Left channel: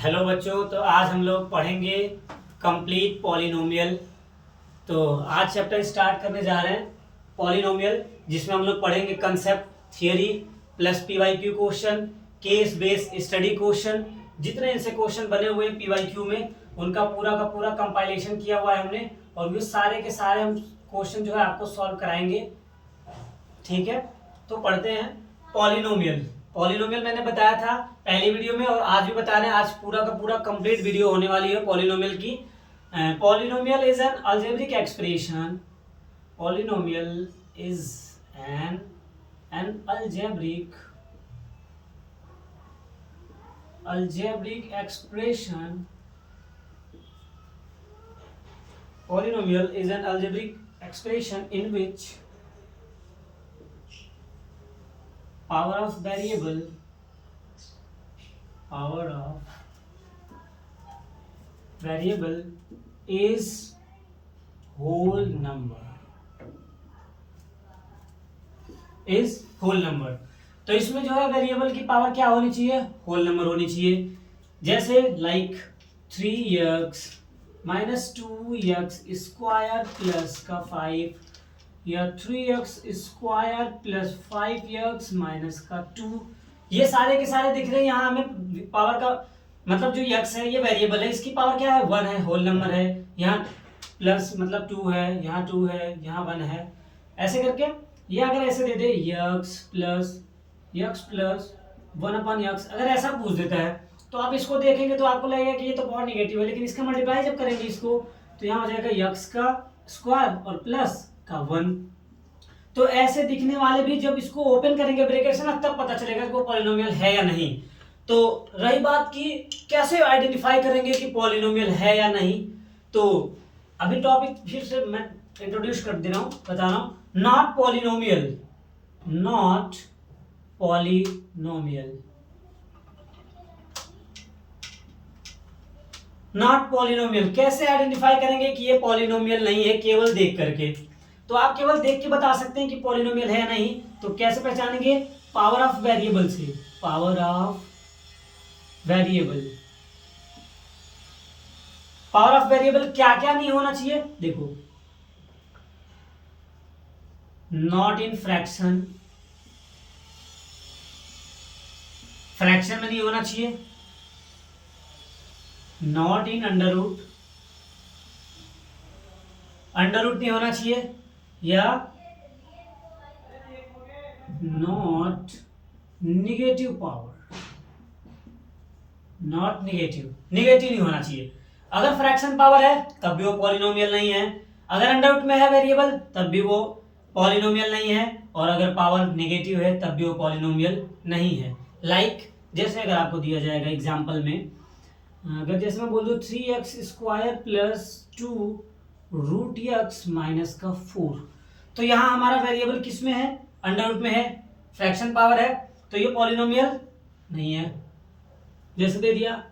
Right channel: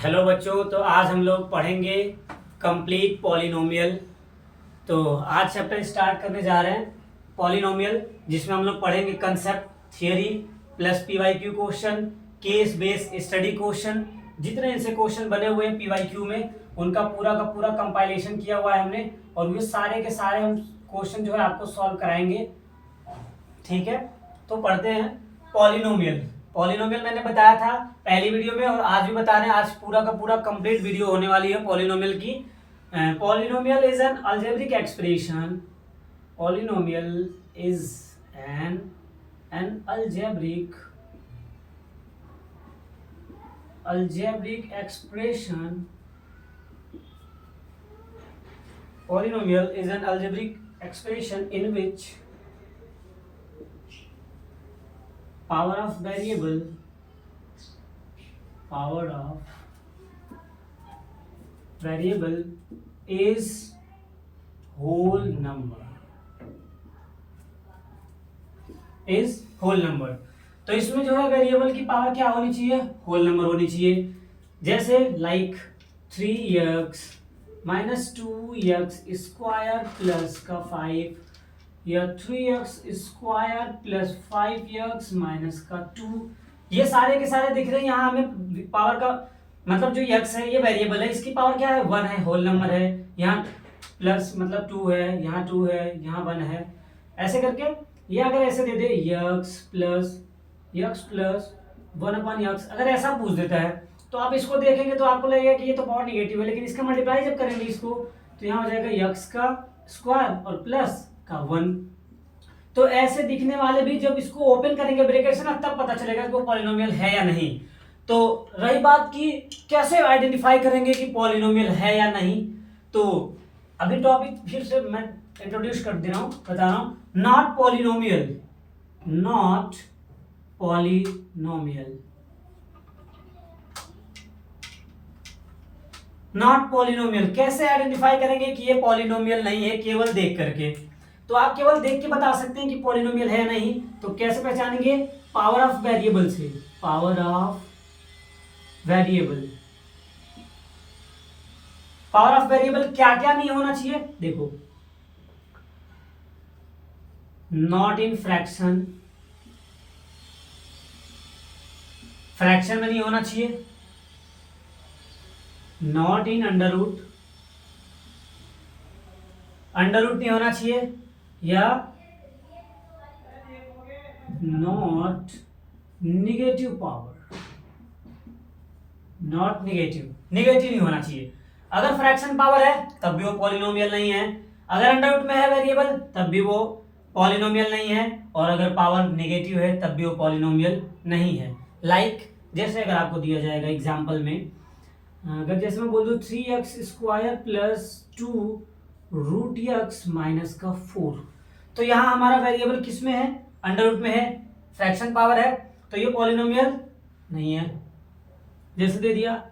Hello बच्चों, तो आज हम लोग पढ़ेंगे कंप्लीट पॉलिनोमियल। तो आज चैप्टर स्टार्ट करने जा रहे हैं पॉलिनोमियल, जिसमें हम लोग पढ़ेंगे concept, theory plus PYQ question, case based study question. जितने इनसे क्वेश्चन बने हुए हैं पीवाईक्यू में, उनका पूरा का पूरा कंपाइलेशन किया हुआ है हमने, और वे सारे के सारे हम क्वेश्चन जो है आपको सॉल्व कराएंगे। ठीक है, तो पढ़ते हैं पॉलिनोमियल। पॉलिनोमियल मैंने बताया था पहली वीडियो में, और आज भी बता रहे हैं। आज पूरा का पूरा कंप्लीट वीडियो होने वाली है पॉलिनोमियल की। Polynomial is an algebraic expression. Polynomial is an algebraic expression. Polynomial is an algebraic expression in which power of variable is whole number. तो इसमें जो है वेरिएबल की पावर क्या होनी चाहिए? होल नंबर होनी चाहिए। जैसे like 3x minus 2x square plus का 5, या 3x square plus 5x minus का 2। ये सारे के सारे दिख रहे हैं। यहाँ हमें पावर का मतलब जो x है ये वेरिएबल है, इसकी पावर क्या है? 1 है, होल नंबर है। यहाँ प्लस मतलब 2 है, यहाँ 2 है, यहाँ 1 है। ऐसे करके ये अगर ऐसे दे दे x प्लस 1/x, अगर ऐसा पूछ देता है तो आप इसको देखेंगे तो आपको लगेगा कि ये तो पावर निगेटिव है, लेकिन इसका मल्टीप्लाई जब करेंगे इसको तो यहाँ हो जाएगा x का स्क्वायर और प्लस का 1। तो ऐसे दिखने वाले भी जब इसको ओपन करेंगे ब्रैकेट से ना, तब पता चलेगा कि वो पॉलिनोमियल है या नहीं। तो रही बात की कैसे आइडेंटिफाई करेंगे कि पॉलिनोमियल है या नहीं, तो अभी टॉपिक फिर से मैं इंट्रोड्यूस कर दे रहा हूं, बता रहा हूं। नॉट पॉलिनोमियल कैसे आइडेंटिफाई करेंगे कि ये पॉलिनोमियल नहीं है? केवल देख करके। तो आप केवल देख के बता सकते हैं कि पॉलिनोमियल है नहीं। तो कैसे पहचानेंगे? पावर ऑफ वेरिएबल से। पावर ऑफ वेरिएबल क्या क्या नहीं होना चाहिए देखो। नॉट इन फ्रैक्शन में नहीं होना चाहिए। नॉट इन अंडर रूट नहीं होना चाहिए, या नॉट निगेटिव नहीं होना चाहिए। अगर फ्रैक्शन पावर है तब भी वो पॉलिनोमियल नहीं है, अगर अंडर रूट में है वेरिएबल तब भी वो पॉलिनोमियल नहीं है, और अगर पावर नेगेटिव है तब भी वो पॉलिनोमियल नहीं है। लाइक जैसे अगर आपको दिया जाएगा एग्जांपल में, अगर जैसे मैं बोल दूं 3x square plus 2 root x minus का 4, तो यहाँ हमारा वेरिएबल किस में है? अंडर रूट में है, फ्रैक्शन पावर है, तो ये पॉलिनोमियल नहीं है। जैसे दे दिया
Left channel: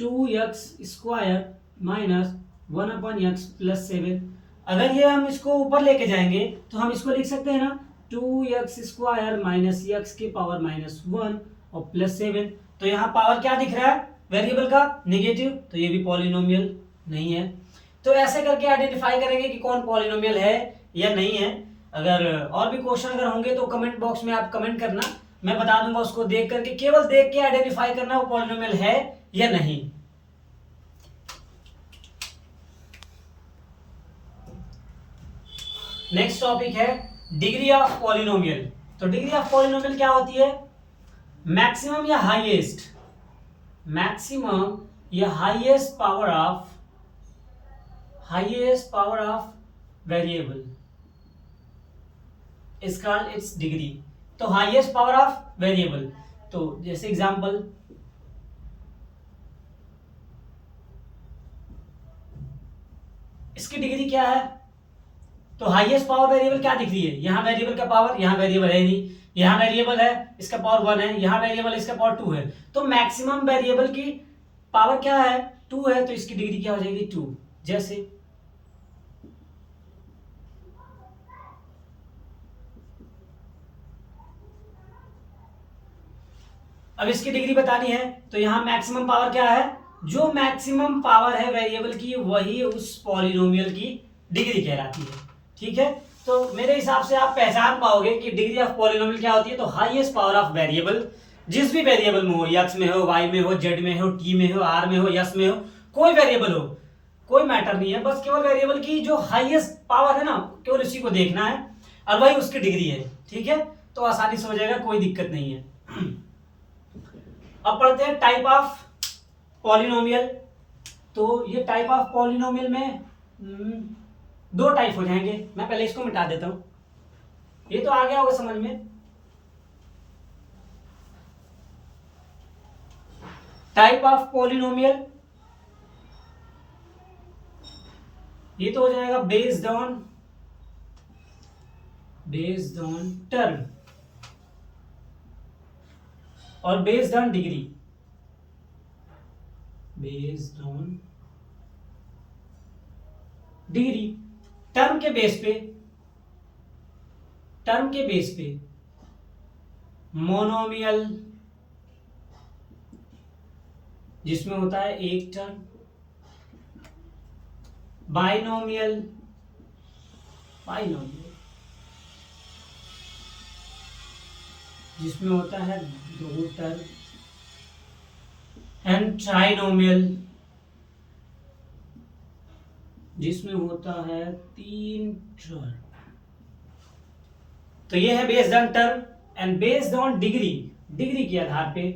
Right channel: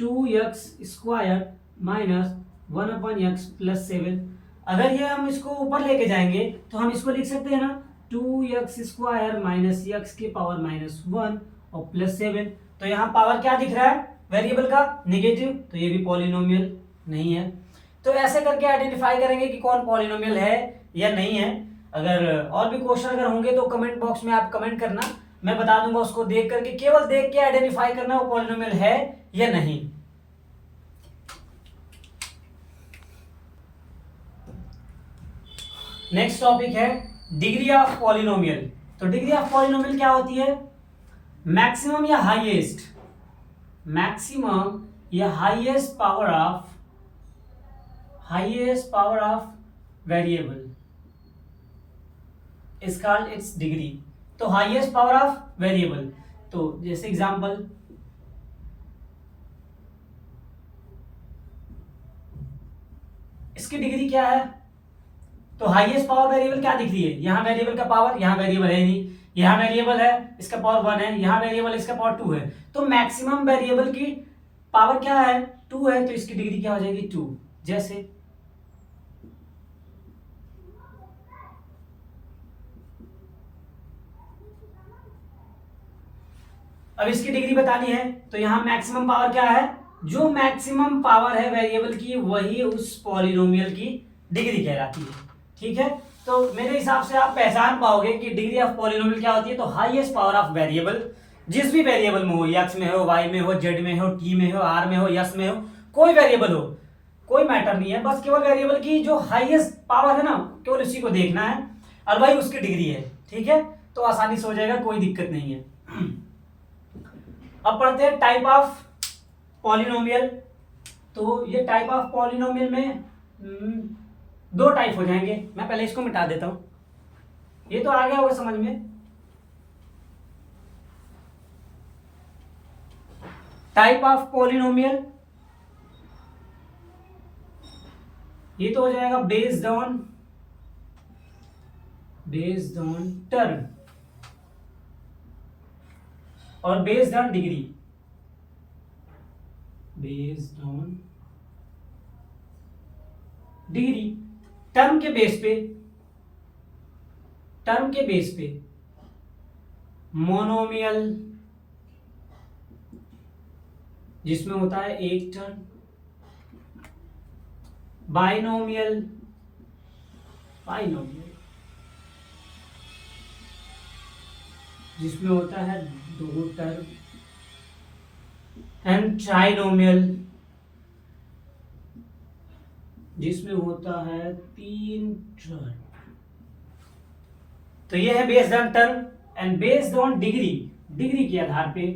2x square minus 1/x plus 7, अगर ये हम इसको ऊपर लेके जाएंगे तो हम इसको लिख सकते हैं ना 2x स्क्वायर माइनस x की पावर माइनस 1 और प्लस 7। तो यहाँ पावर क्या दिख रहा है वेरिएबल का? नेगेटिव, तो ये भी पॉलिनोमियल नहीं है। तो ऐसे करके आइडेंटिफाई करेंगे कि कौन पॉलिनोमियल है या नहीं है। अगर और भी क्वेश्चन अगर होंगे तो कमेंट बॉक्स में आप कमेंट करना, मैं बता दूंगा उसको देख करके। केवल देख के आइडेंटिफाई करना वो पॉलिनोमियल है या नहीं। नेक्स्ट टॉपिक है डिग्री ऑफ पॉलिनोमियल। तो डिग्री ऑफ पॉलिनोमियल क्या होती है? मैक्सिमम या highest power of variable is called its degree. तो हाईएस्ट पावर ऑफ वेरिएबल, तो जैसे एग्जांपल इसकी डिग्री क्या है? तो हाईएस्ट पावर वेरिएबल क्या दिख रही है? यहाँ वेरिएबल का पावर, यहाँ वेरिएबल है नहीं, यहाँ वेरिएबल है इसका पावर 1 है, यहाँ वेरिएबल इसका पावर 2 है। तो मैक्सिमम वेरिएबल की पावर क्या है? 2 है, तो इसकी डिग्री क्या हो जाएगी? 2। जैसे अब इसकी डिग्री बतानी है, तो यहाँ मैक्सिमम पावर क्या है? जो मैक्सिमम पावर है वेरिएबल की वही उस पॉलिनोमियल की डिग्री कहलाती है। ठीक है, तो मेरे हिसाब से आप पहचान पाओगे कि डिग्री ऑफ पॉलिनोमियल क्या होती है। तो हाईएस्ट पावर ऑफ वेरिएबल, जिस भी वेरिएबल में हो, एक्स में हो, वाई में हो, जेड में हो, टी में हो, आर में हो, यस में हो, कोई वेरिएबल हो, कोई मैटर नहीं है, बस केवल वेरिएबल की जो हाईएस्ट पावर है ना, केवल उसी को देखना है और वही उसकी डिग्री है। ठीक है, तो आसानी से हो जाएगा, कोई दिक्कत नहीं है। अब पढ़ते हैं टाइप ऑफ पॉलिनोमियल। तो ये टाइप ऑफ पॉलिनोमियल में दो टाइप हो जाएंगे। मैं पहले इसको मिटा देता हूं, ये तो आ गया होगा समझ में। टाइप ऑफ पॉलिनोमियल ये तो हो जाएगा बेस्ड ऑन टर्म और based on degree. Based on degree, term के बेस पे मोनोमियल जिसमें होता है एक टर्म, बाइनोमियल जिसमें होता है दो टर्म, एंड ट्राइनोमियल जिसमें होता है तीन टर्म। तो ये है based on term and based on degree के आधार पे।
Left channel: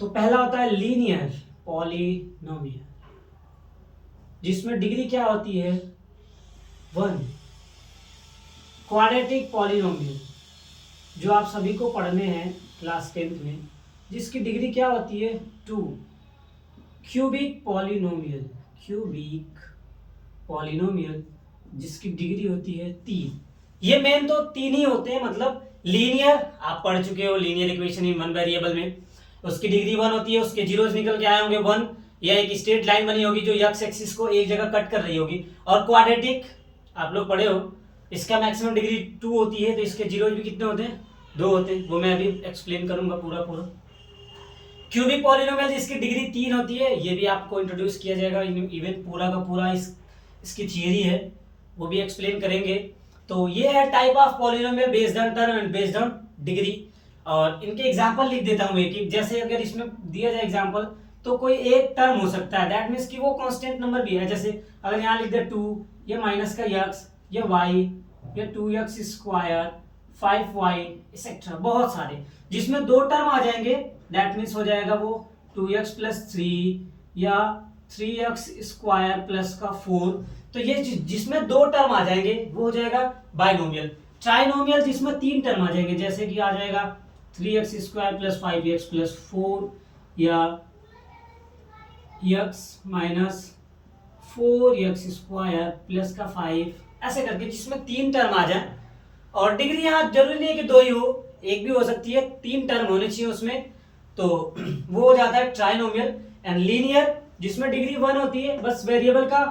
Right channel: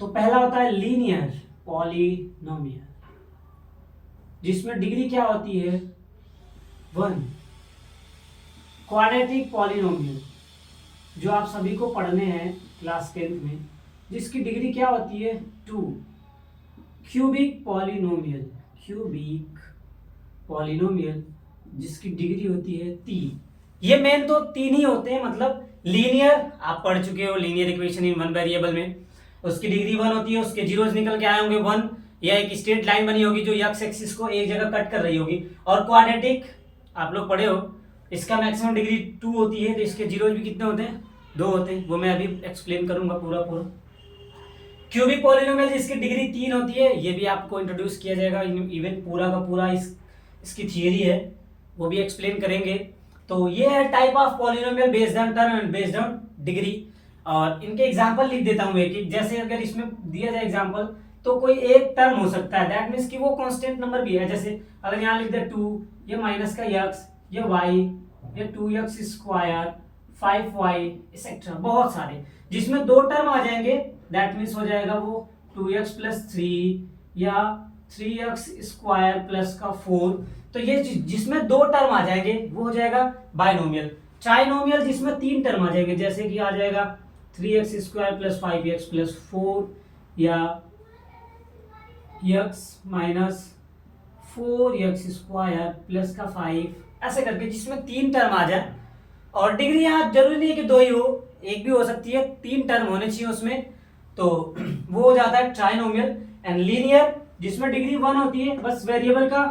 तो पहला होता है लीनियर पॉलिनोमियल जिसमें डिग्री क्या होती है 1। क्वाड्रेटिक पॉलिनोमियल जो आप सभी को पढ़ने हैं क्लास 10th में, जिसकी डिग्री क्या होती है 2। क्यूबिक पॉलिनोमियल जिसकी डिग्री होती है 3। ये मेन तो 3 ही होते हैं, मतलब लीनियर आप पढ़ चुके हो, linear equation in one variable में उसकी डिग्री 1 होती है, उसके जीरोज निकल के आए होंगे 1, या एक स्ट्रेट लाइन बनी होगी जो एक्स एक्सिस को एक जगह कट कर रही होगी। और क्वाड्रेटिक आप लोग पढ़े हो, इसका मैक्सिमम डिग्री 2 होती है, तो इसके जीरोज भी कितने होते हैं 2 होते हैं, वो मैं अभी एक्सप्लेन करूंगा पूरा। क्यूबिक पॉलिनोमियल जिसकी डिग्री 3 होती है, ये भी आपको इंट्रोड्यूस किया जाएगा, इवन पूरा का पूरा इसकी थियरी है, वो भी एक्सप्लेन करेंगे। तो ये है type of polynomial based on term and based on degree. और इनके एग्जांपल लिख देता हूँ एक, जैसे अगर इसमें दिया जाए एग्जांपल, तो कोई एक टर्म हो सकता है, दैट मीन्स कि वो कांस्टेंट नंबर भी है। जैसे अगर यहाँ लिख दे 2, ये माइनस का x, ये y, ये 2x स्क्वायर, 5y एक्सेट्रा, बहुत सारे जिसमें 2 टर्म आ जाएंगे, दैट मीन्स हो जाएगा वो 2x प्लस 3 या 3x स्क्वायर प्लस का 4। तो ये जिसमें 2 टर्म आ जाएंगे वो हो जाएगा बाइनोमियल। ट्राइनोमियल जिसमें 3 टर्म आ जाएंगे, जैसे कि आ जाएगा 3x square plus 5x plus 4 या x minus 4x square plus का 5, ऐसे करके जिसमें 3 टर्म आ जाए। और डिग्री यहाँ जरूरी नहीं है कि 2 ही हो, एक भी हो सकती है, 3 टर्म होने चाहिए उसमें, तो वो हो जाता है ट्राइनोमियल। एंड लीनियर जिसमें डिग्री 1 होती है, बस वेरिएबल का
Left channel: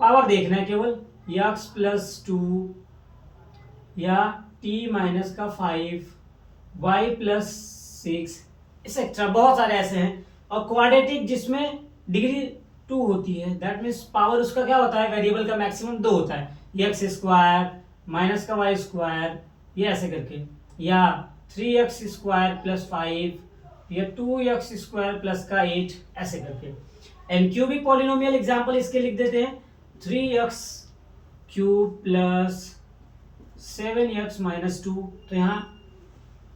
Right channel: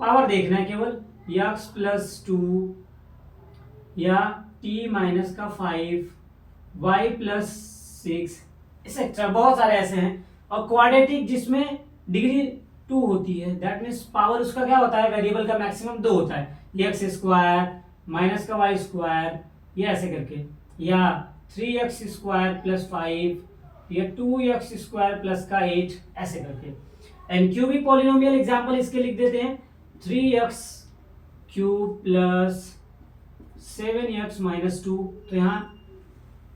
पावर देखना है केवल, x प्लस 2 या t माइनस का 5, y प्लस 6 एक्सेट्रा, बहुत सारे ऐसे हैं। और क्वाड्रेटिक जिसमें डिग्री 2 होती है, दैट मीन्स पावर उसका क्या होता है, वेरिएबल का मैक्सिमम 2 होता है, x स्क्वायर माइनस का y स्क्वायर, ये ऐसे करके, या 3x स्क्वायर प्लस 5 या 2x स्क्वायर प्लस का 8, ऐसे करके। एंड क्यूबिक पॉलिनोमियल एग्जांपल इसके लिख देते हैं 3x cube plus 7x minus 2। तो यहाँ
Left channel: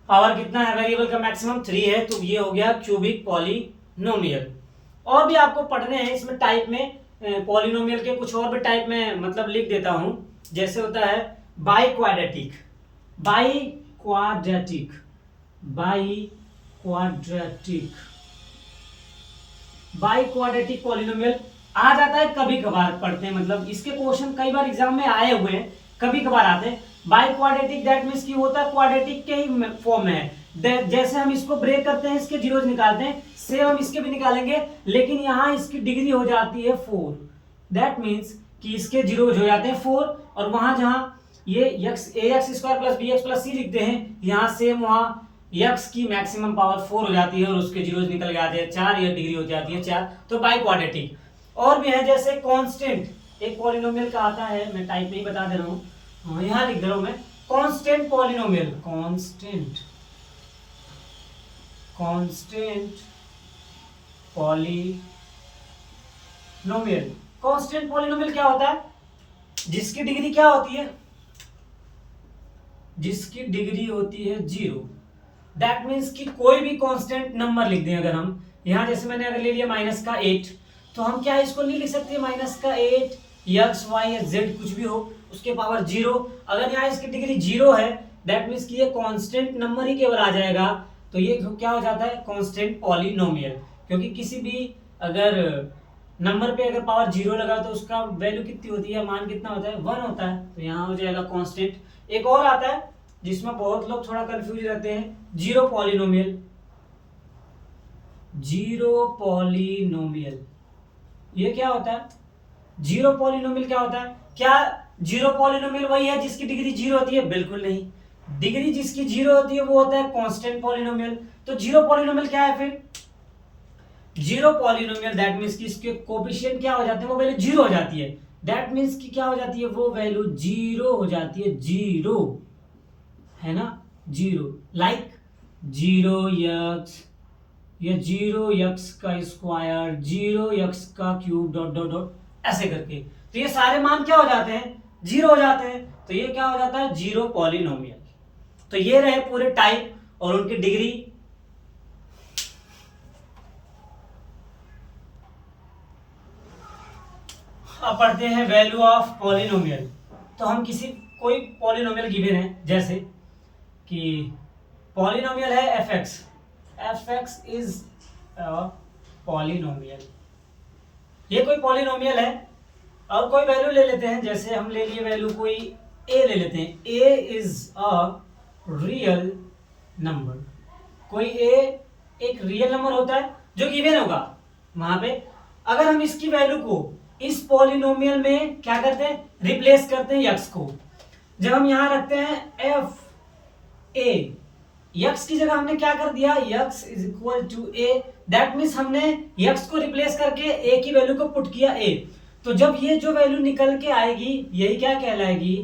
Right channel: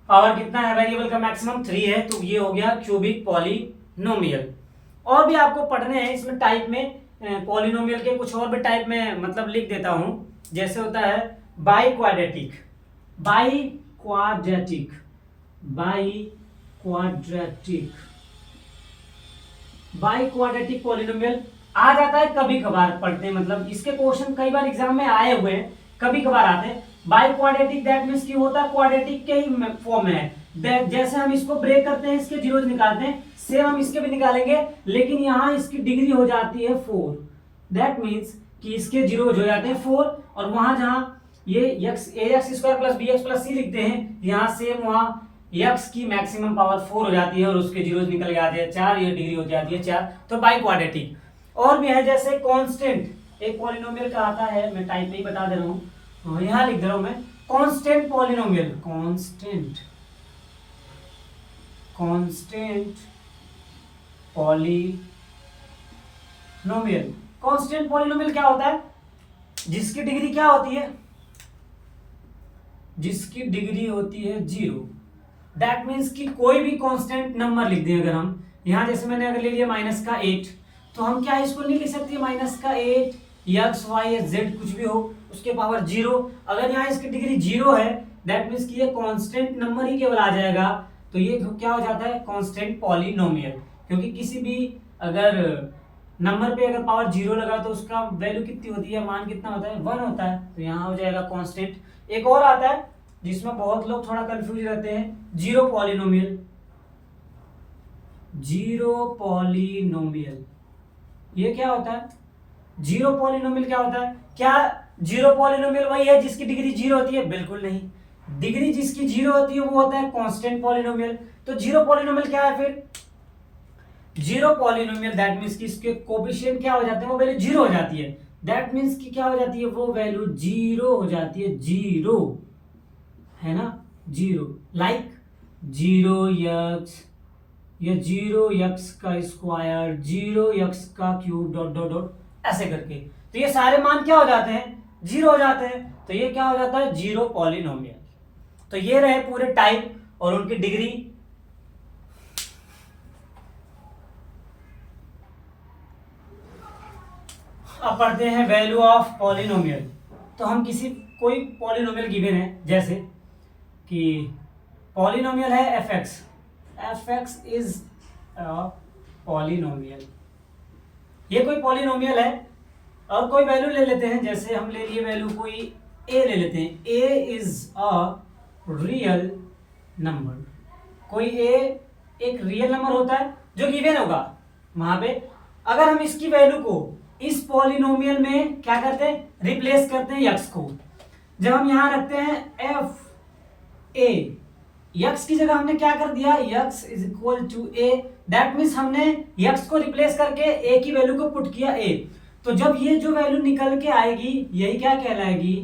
पावर कितना है, वेरिएबल का मैक्सिमम 3 है, तो ये हो गया क्यूबिक पॉलिनोमियल। और भी आपको पढ़ने हैं इसमें टाइप में, पॉलिनोमियल के कुछ और भी टाइप में मतलब लिख देता हूं, जैसे होता है बाई क्वाड्रेटिक पॉलिनोमियल आ जाता है, कभी कभार पढ़ते हैं, मतलब इसके क्वेश्चन कई बार एग्जाम में आए हुए हैं, कभी कभार आते हैं। बाई क्वाड्रेटिक दैट मीन्स की होता है क्वाड्रेटिक के ही फॉर्म में है, जैसे हम इसको ब्रेक करते हैं, इसके जीरोज निकालते हैं, सेम हम इसके भी निकालेंगे, लेकिन यहाँ इसकी डिग्री हो जाती है 4, दैट मीन्स कि इसके जीरोज हो जाते हैं 4, और वहां जहां ये ax square plus bx plus c लिखते हैं, यहाँ सेम वहां यक्स की मैक्सिमम पावर 4 हो जाती है और उसके जीरोज निकल के आते हैं 4, या डिग्री हो जाती है 4, तो बाई क्वाड्रेटिक। और भी है जैसे कांस्टेंट, एक पॉलिनोमियल का आता है, मैं टाइप में ही बता दे रहा हूँ, यहाँ लिख दे रहा हूँ मैं, constant polynomial, constant polynomial. Constant polynomial क्या होता है? जिसकी डिग्री क्या होती है? जिसकी डिग्री होती है 0। दैट मीन्स कि कोई भी कांस्टेंट नंबर लिख दें, अगर हम यहां जैसे मैंने अगर ले लिया -8, तो हम क्या इसको नहीं लिख सकते -8 एक्स वाई या जेड कुछ भी हो उसके पावर 0। अगर यहाँ इसकी डिग्री 0 है, दैट मीन्स कि ये कांस्टेंट नंबर ही केवल आ जाएगा, तो ये क्या हो जाता है? Constant polynomial. क्योंकि किसी भी अगर नंबर पे अगर पावर 0 लगा तो उसका वैल्यू कितनी होती है, मान कितना होता है? 1 होता है, तो यहाँ हो जाएगा कांस्टेंट। एक और आता है जिसमें बहुत लोग थोड़ा कंफ्यूज रहते हैं, जीरो पॉलिनोमियल। जीरो पॉलिनोमियल ये क्या होता है? जीरो पॉलिनोमियल क्या होता है? क्या जीरो पॉलिनोमियल वही है जिसकी डिग्री 0 होती है? बिल्कुल नहीं। डिग्री जिसकी 0 होती है वो होता है कांस्टेंट पॉलिनोमियल। तो जीरो पॉलिनोमियल क्या है फिर? जीरो पॉलिनोमियल दैट मीन्स कि इसके कोएफिशिएंट क्या हो जाते हैं? वो वैल्यू 0 हो जाती है। दैट मीन्स कि क्या हो जाती है? वो वैल्यू 0 हो जाती है, 0 है ना, 0। लाइक 0x या 0x का स्क्वायर, 0x का क्यूब, डॉट डॉट डॉट ऐसे करके, तो ये सारे मान क्या हो जाते हैं? 0 हो जाते हैं। तो ये क्या हो जाता है? Zero polynomial. तो ये रहे पूरे टाइप और उनकी डिग्री। अब पढ़ते हैं वैल्यू ऑफ पॉलिनोमियल। तो हम किसी कोई पॉलिनोमियल गिवन है, जैसे कि पॉलिनोमियल है fx, fx इज पॉलिनोमियल। ये कोई पॉलिनोमियल है और कोई वैल्यू ले लेते हैं, जैसे हम ले लिए वैल्यू कोई a ले लेते हैं, a is a real number. कोई a एक रियल नंबर होता है जो गिवन होगा वहां पे। अगर हम इसकी वैल्यू को इस पॉलिनोमियल में क्या करते हैं? रिप्लेस करते हैं x को। जब हम यहां रखते हैं f a, x की जगह हमने क्या कर दिया? x is equal to a। That means हमने x को रिप्लेस करके a की वैल्यू को पुट किया a। तो जब ये जो वैल्यू निकल के आएगी यही क्या कहलाएगी?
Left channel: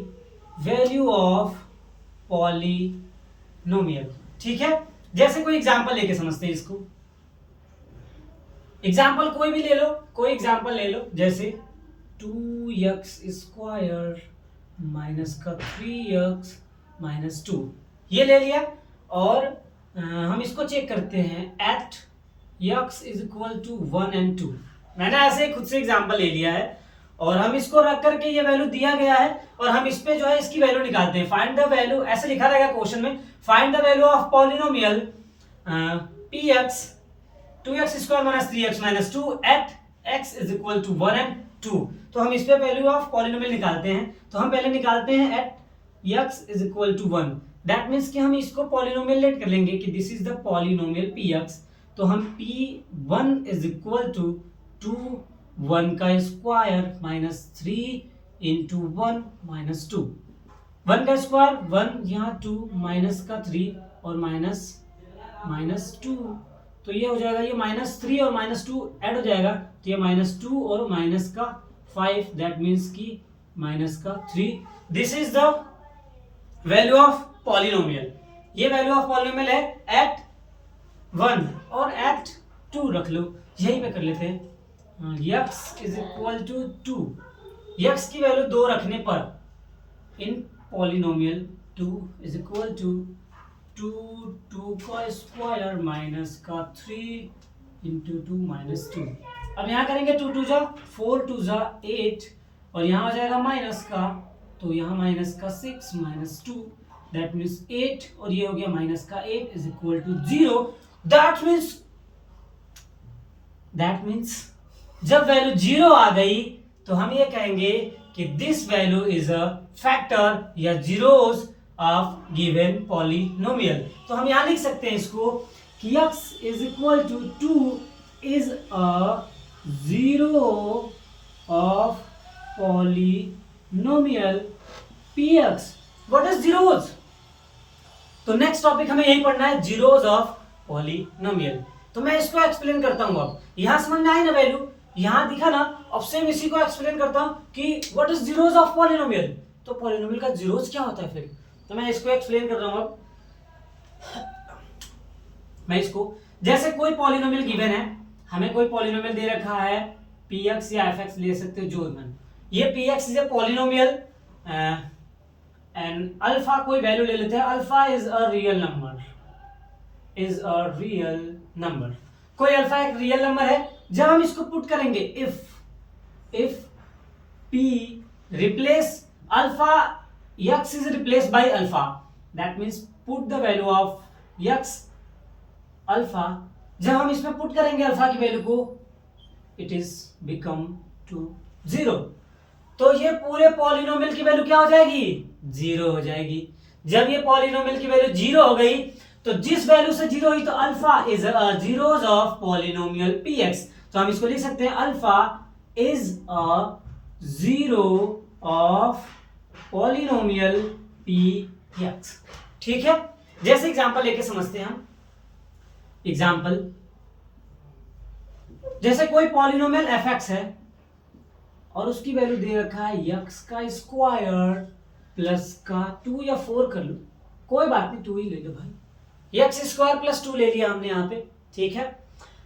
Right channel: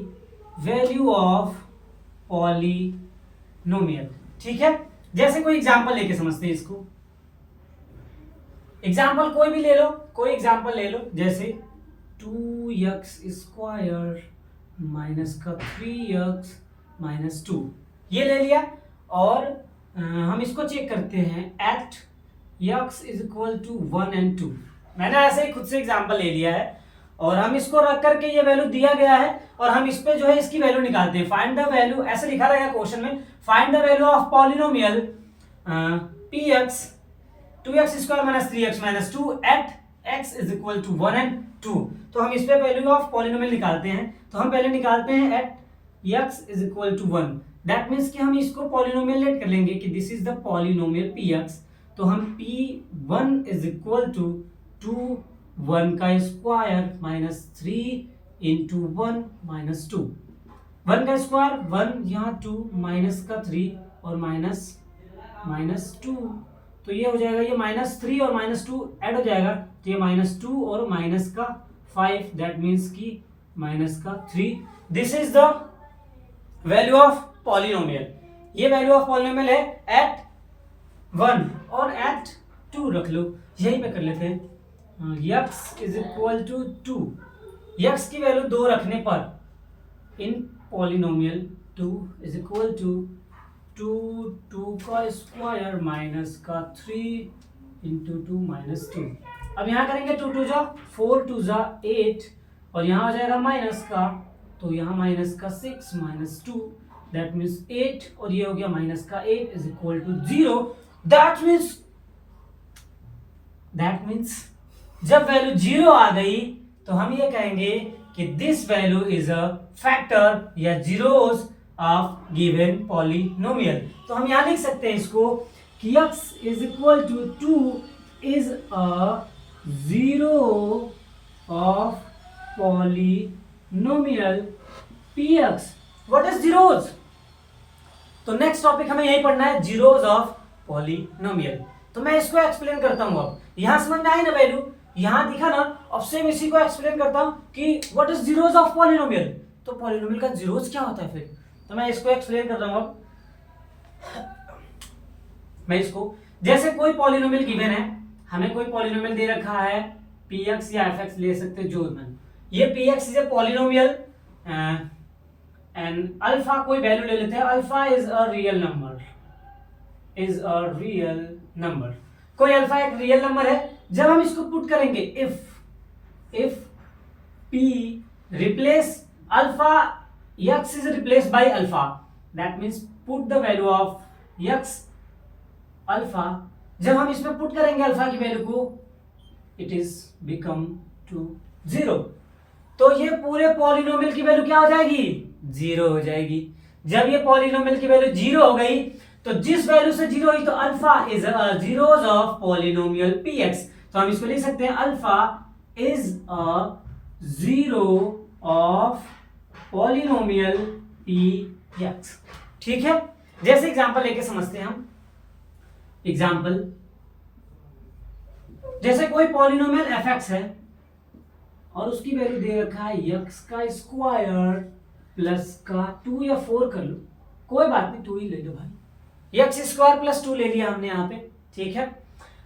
Value of polynomial. ठीक है, जैसे कोई एग्जांपल लेके समझते हैं इसको। एग्जाम्पल कोई भी ले लो, कोई एग्जाम्पल ले लो, जैसे 2x स्क्वायर माइनस का 3x माइनस 2, ये ले लिया। और हम इसको चेक करते हैं at x is equal to 1 and 2। मैंने ऐसे खुद से एग्जाम्पल ले लिया है और हम इसको रख करके ये वैल्यू दिया गया है और हम इस पे जो है इसकी वैल्यू निकालते हैं। फाइंड द वैल्यू, ऐसे लिखा रहेगा क्वेश्चन में, find the value of polynomial px 2x square minus 3x minus 2 at x is equal to 1 and 2। तो हम इस पे वैल्यू ऑफ पॉलिनोमियल निकालते हैं। तो हम पहले निकालते हैं at x is equal to 1। That means कि हम इसको पॉलिनोमियल लेट कर लेंगे कि this is the polynomial px। तो हम p1 इज इक्वल टू 2 1 का स्क्वायर माइनस 3 इंटू 1 माइनस 2। 1 का स्क्वायर 1, यहाँ 2 माइनस का 3 और माइनस 2, तो ये हो जाएगा, ये -3 और -2 ऐड हो जाएगा, तो ये -2 और माइनस का 5, दैट मीन्स कि माइनस का 3। This is the value of polynomial. ये वैल्यू ऑफ पॉलिनोमियल है एट 1 और एट 2 रख लो, यहीं पे कर लेते हैं। x is equal to 2, x की वैल्यू 2 रखने पर in polynomial 2 is equal to 2 का स्क्वायर माइनस का 3 इंटू 2 माइनस 2। अब यहाँ करेंगे 2 2 जा 4 2 जा 8 और यहाँ आ जाएगा माइनस का, तो यहाँ माइनस का 6 माइनस 2, दैट मीन्स 8 और ये हो गया माइनस का 8 is equal to 0। That means जब वैल्यू 0 आ गई तो हम ये कहेंगे कि this value is a factor या जीरोस ऑफ गिवन पॉलिनोमियल। तो हम यहां लिख सकते हैं इसको कि x is equal to 2 is a zero of polynomial px। What is zeros? तो नेक्स्ट टॉपिक हमें यही पढ़ना है, जीरोस ऑफ पॉलिनोमियल। तो मैं इसको एक्सप्लेन करता हूँ। अब यहां समझ में आई ना वैल्यू, यहां दिखा ना। अब सेम इसी को एक्सप्लेन करता हूं कि what is zeros of polynomial. तो पॉलिनोमियल का जीरोस क्या होता है फिर, तो मैं इसको एक्सप्लेन कर रहा हूं। अब मैं इसको, जैसे कोई पॉलिनोमियल गिवन है, हमें कोई पॉलिनोमियल दे रखा है px या fx ले सकते हो जो मन। ये px is a polynomial and alpha कोई वैल्यू ले लेते हैं, alpha is a real number, is a real number. कोई अल्फा एक रियल नंबर है। जब हम इसको पुट करेंगे, if p replace alpha, x is replace by alpha, that means put the value of x alpha. जब हम इसमें पुट करेंगे अल्फा की वैल्यू को, इट इज बिकम टू 0। तो ये पूरे पॉलिनोमियल की वैल्यू क्या हो जाएगी, 0 हो जाएगी। जब ये पॉलिनोमियल की वैल्यू 0 हो गई, तो जिस वैल्यू से 0 हुई, तो alpha is zeros of polynomial px। तो हम इसको लिख सकते हैं, alpha is a zero of polynomial px। ठीक है, जैसे एग्जांपल लेके समझते हैं हम। एग्जांपल, जैसे कोई पॉलिनोमियल fx है और उसकी वैल्यू दे रखा है x का स्क्वायर प्लस का 2 या 4 कर लो, कोई बात नहीं 2 ही ले लो भाई, x स्क्वायर प्लस 2 ले लिया हमने यहाँ पे। ठीक है,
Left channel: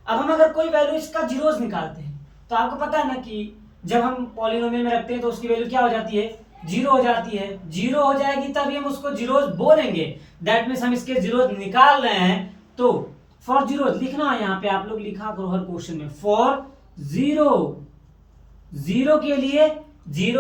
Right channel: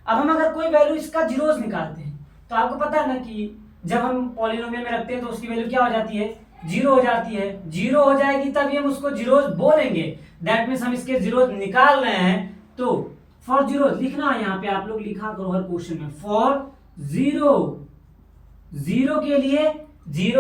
अब हम अगर कोई वैल्यू इसका जीरोस निकालते हैं, तो आपको पता है ना कि जब हम पॉलिनोमियल में रखते हैं तो उसकी वैल्यू क्या हो जाती है, 0 हो जाती है। 0 हो जाएगी तभी हम उसको जीरोस बोलेंगे। दैट मीन्स हम इसके जीरोस निकाल रहे हैं। तो फॉर जीरो लिखना है यहाँ पे, आप लोग लिखा करो हर क्वेश्चन में, फॉर जीरो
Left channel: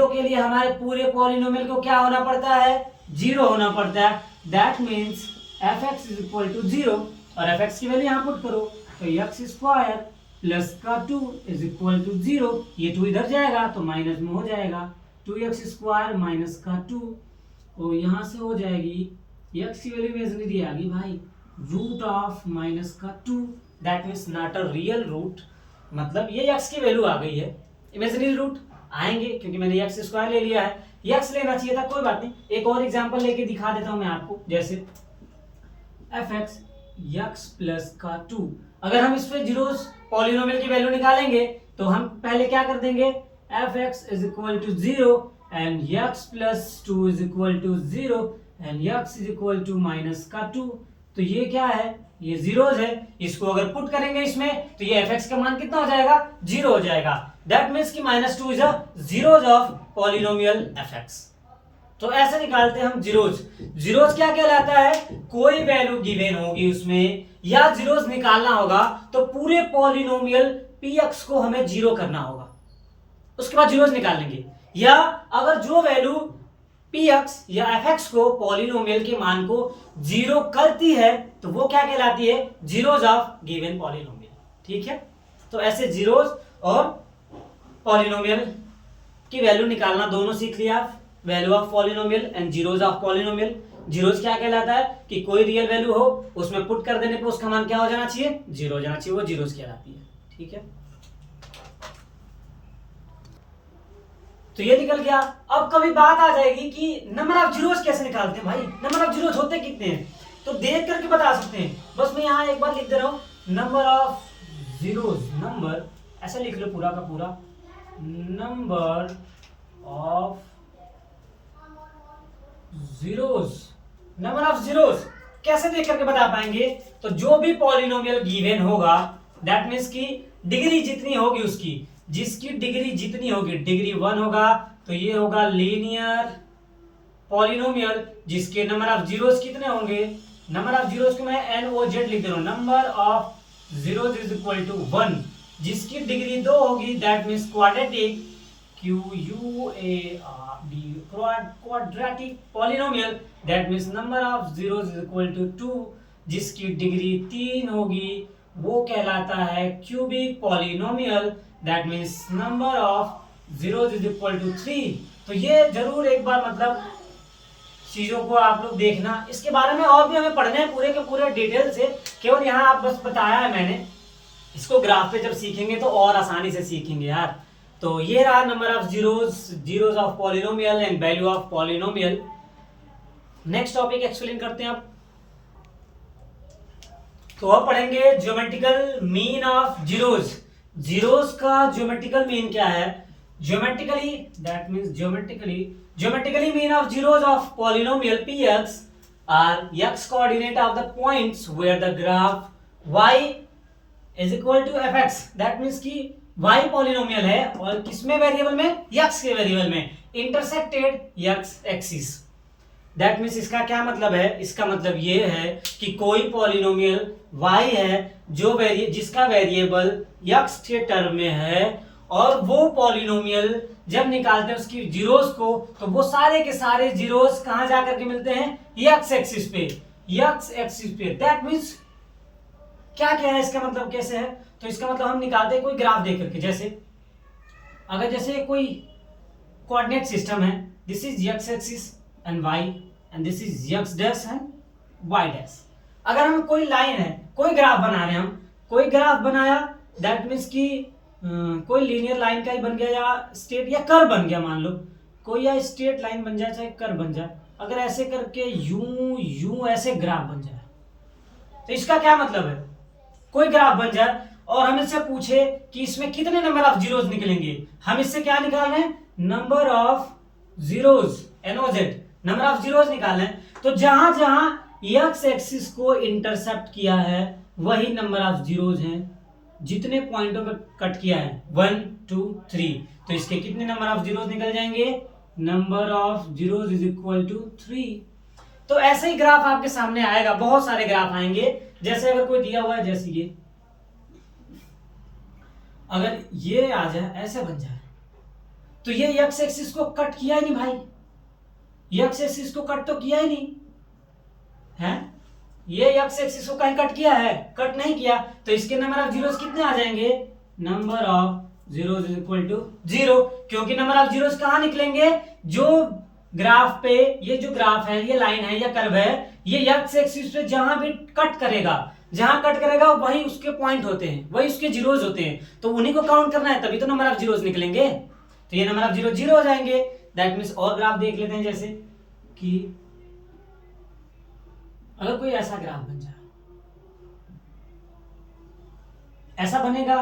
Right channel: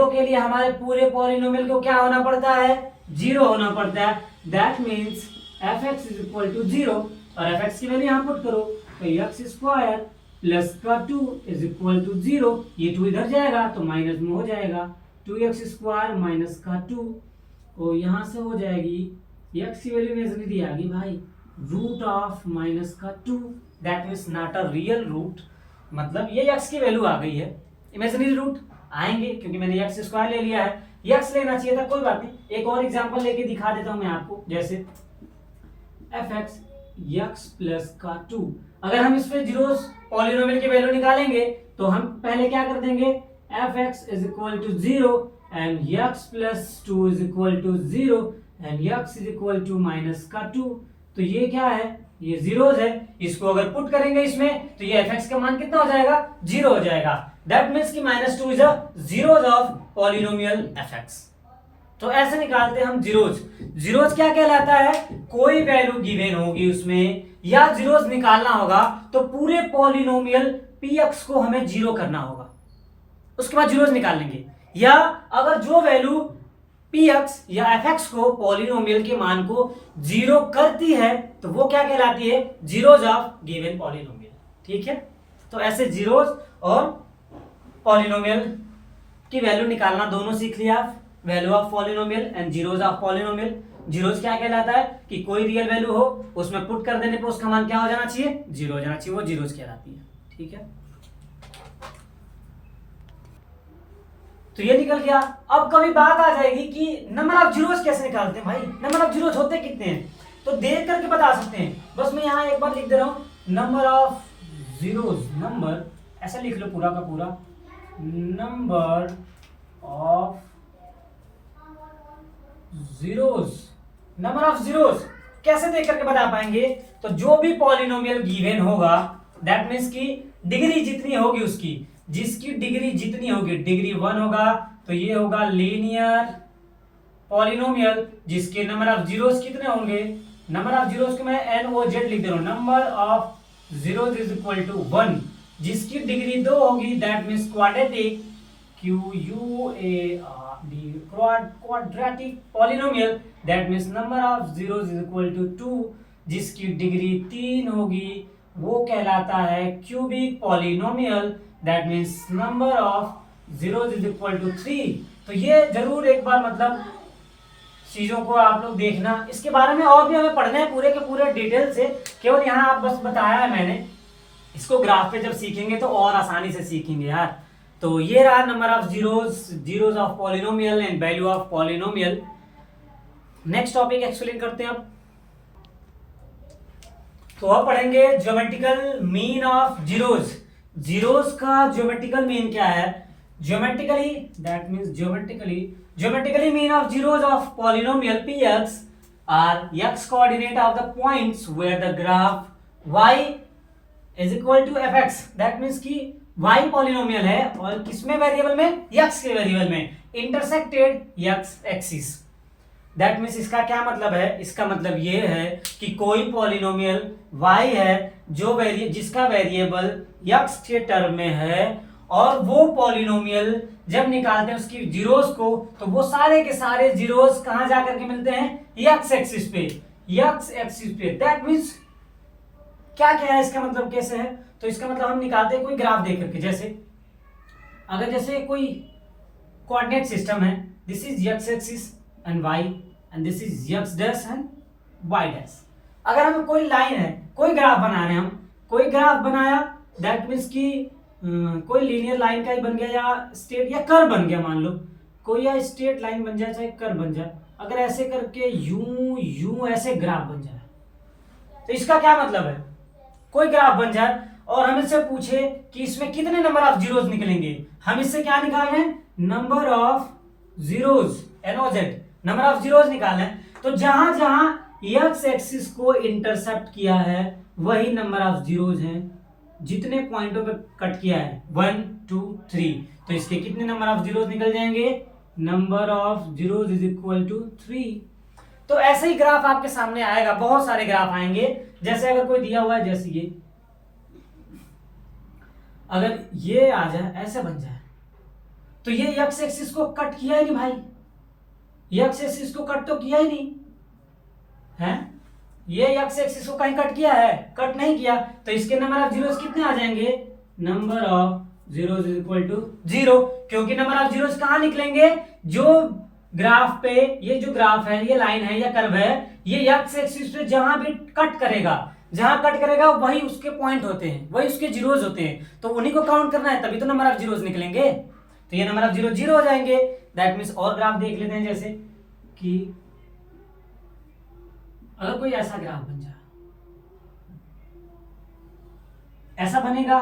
के लिए हमारे पूरे पॉलिनोमियल को क्या होना पड़ता है, 0 होना पड़ता है। That means fx is equal to 0, और fx की वैल्यू यहाँ पुट करो, तो x स्क्वायर प्लस का 2 इज इक्वल टू 0। ये 2 इधर जाएगा तो माइनस में हो जाएगा, 2x स्क्वायर माइनस का 2, और यहाँ से हो जाएगी x की वैल्यू इमेजिनरी आ गई भाई, रूट ऑफ माइनस का 2। That means not a real root, मतलब ये x की वैल्यू आ गई है। इमेजिनरी रूट आएंगे क्योंकि मैंने x स्क्वायर ले लिया है, x लेना चाहिए था, कोई बात नहीं। एक और एग्जांपल लेके दिखा देता हूं मैं आपको, जैसे fx x प्लस का 2। अगर हम इस पे जीरोस पॉलिनोमियल की वैल्यू निकालेंगे तो हम पहले क्या कर देंगे, fx is equal to 0 and x plus 2 is equal to 0 and x is equal to minus का 2। तो ये क्या है, ये जीरोस है। इसको अगर पुट करेंगे इसमें तो ये fx का मान कितना हो जाएगा, 0 हो जाएगा। दैट मीन्स कि -2 is a zeros of polynomial fx। तो ऐसे निकालते हैं हम जीरोस। जीरोस क्या कहलाता है, कोई वैल्यू गिवन होगी उसमें या जीरोस निकालना होगा, तो पूरे पॉलिनोमियल px को हमें 0 करना होगा, उसके बाद जीरोस निकाल लेंगे। या अगर जो वैल्यू px या fx को पॉलिनोमियल के मान को 0 करती है तो वो क्या कहलाती है, जीरोस ऑफ गिवन पॉलिनोमियल। ठीक है, तो ऐसे जीरोस और पॉलिनोमियल की वैल्यू निकालना दोनों सीख लिया आप, value of polynomial and zeros of polynomial. Zeros क्या कहलाता है कि कोई रियल वैल्यू हो, उसमें पुट कर देने पे उसका मान क्या हो जाना चाहिए, 0 हो जाना चाहिए, वो जीरोस कहलाती है। ठीक है, तो ये निकल गया। अब कभी बात आ जाएगी कि नंबर ऑफ जीरोस कैसे निकालते हैं भाई, नंबर ऑफ जीरोस होते कितने हैं, तो देख करके बता सकते हैं। बस मैं यहाँ एक बार लिख दे रहा हूँ, नंबर ऑफ जीरोस, नंबर ऐसा लिख लो पूरा का पूरा, number of zeros. Number of zeros कैसे देख करके बता पाएंगे, तो जो भी पॉलिनोमियल गिवन होगा, दैट मीन्स की डिग्री जितनी होगी उसकी, जिसकी डिग्री जितनी होगी, डिग्री 1 होगा तो ये होगा लीनियर पॉलिनोमियल। जिसके नंबर ऑफ जीरोस कितने होंगे, नंबर ऑफ जीरोस को मैं NOZ लिख दे रहा हूं, number of zeros is equal to 1। जिसकी डिग्री 2 होगी, that means quadratic, quadratic polynomial, that means number of zeros is equal to 2। जिसकी डिग्री 3 होगी वो कहलाता है cubic polynomial, that means number of zeros is equal to 3। तो ये जरूर एक बार मतलब चीजों को आप लोग देखना, इसके बारे में और भी हमें पढ़ना है पूरे के पूरे डिटेल से, केवल यहाँ आप बस बताया है मैंने। इसको ग्राफ पे जब सीखेंगे तो और आसानी से सीखेंगे यार। तो ये रहा number of zeros, zeros of polynomial and value of polynomial. Next topic explain करते हैं अब। तो अब पढ़ेंगे ज्योमेट्रिकल मीन ऑफ जीरोस। जीरोस का ज्योमेट्रिकल मीन क्या है? Geometrically that means geometrically mean of zeros of polynomial px are x coordinate of the points where the graph y is equal to fx। That means कि y polynomial है और किसमें variable में? x के variable में intersected x axis. That means इसका क्या मतलब है? इसका मतलब ये है कि कोई पॉलिनोमियल y है जो जिसका वेरिएबल x के टर्म में है और वो पॉलिनोमियल जब निकालते हैं उसकी जीरोस को तो वो सारे के सारे जीरोस कहां जाकर के मिलते हैं? x एक्सिस पे, x एक्सिस पे। दैट मीन्स क्या कह रहा है? इसका मतलब कैसे है? तो इसका मतलब हम निकालते हैं कोई ग्राफ देख करके। जैसे अगर जैसे कोई कोऑर्डिनेट सिस्टम है, this is x axis and y and this is x dash and y dash. अगर हम कोई लाइन है, कोई ग्राफ बना रहे हैं, हम कोई ग्राफ बनाया, दैट मीन्स कि कोई लीनियर लाइन का ही बन गया या स्ट्रेट या कर्व बन गया, मान लो कोई या स्ट्रेट लाइन बन जाए चाहे कर्व बन जाए। अगर ऐसे करके यूं यूं ऐसे ग्राफ बन जाए तो इसका क्या मतलब है? कोई ग्राफ बन जाए और हम इससे पूछे कि इसमें कितने नंबर ऑफ जीरोस निकलेंगे, हम इससे क्या निकाल रहे हैं? Number of zeros, NOZ, number of zeros निकाल रहे हैं। तो जहां जहां एक्स एक्सिस को इंटरसेप्ट किया है वही नंबर ऑफ जीरोस हैं। जितने पॉइंटों पे कट किया है 1 2 3, तो इसके कितने नंबर ऑफ जीरोस निकल जाएंगे? Number of zeros is equal to 3। तो ऐसे ही ग्राफ आपके सामने आएगा, बहुत सारे ग्राफ आएंगे। जैसे अगर कोई दिया हुआ है, जैसे ये अगर ये आ जाए, ऐसे बन जाए, तो ये एक्स एक्सिस को कट किया ही नहीं भाई, एक्स एक्सिस को कट तो किया ही नहीं है। ये एक्स एक्सिस को कहीं कट किया है? कट नहीं किया। तो इसके नंबर ऑफ जीरोस कितने आ जाएंगे? Number of zeros is equal to 0, क्योंकि नंबर ऑफ जीरोस कहां निकलेंगे? जो ग्राफ पे, ये जो ग्राफ है, ये लाइन है या कर्व है, ये एक्स एक्सिस पे जहां भी कट करेगा, जहां कट करेगा वही उसके पॉइंट होते हैं, वही उसके जीरोस होते हैं। तो उन्हीं को काउंट करना है, तभी तो नंबर ऑफ जीरोस निकलेंगे। तो ये नंबर ऑफ जीरो 0 हो जाएंगे। दैट मीन्स और ग्राफ देख लेते हैं। जैसे कि अगर कोई ऐसा ग्राफ बन जाए, ऐसा बनेगा,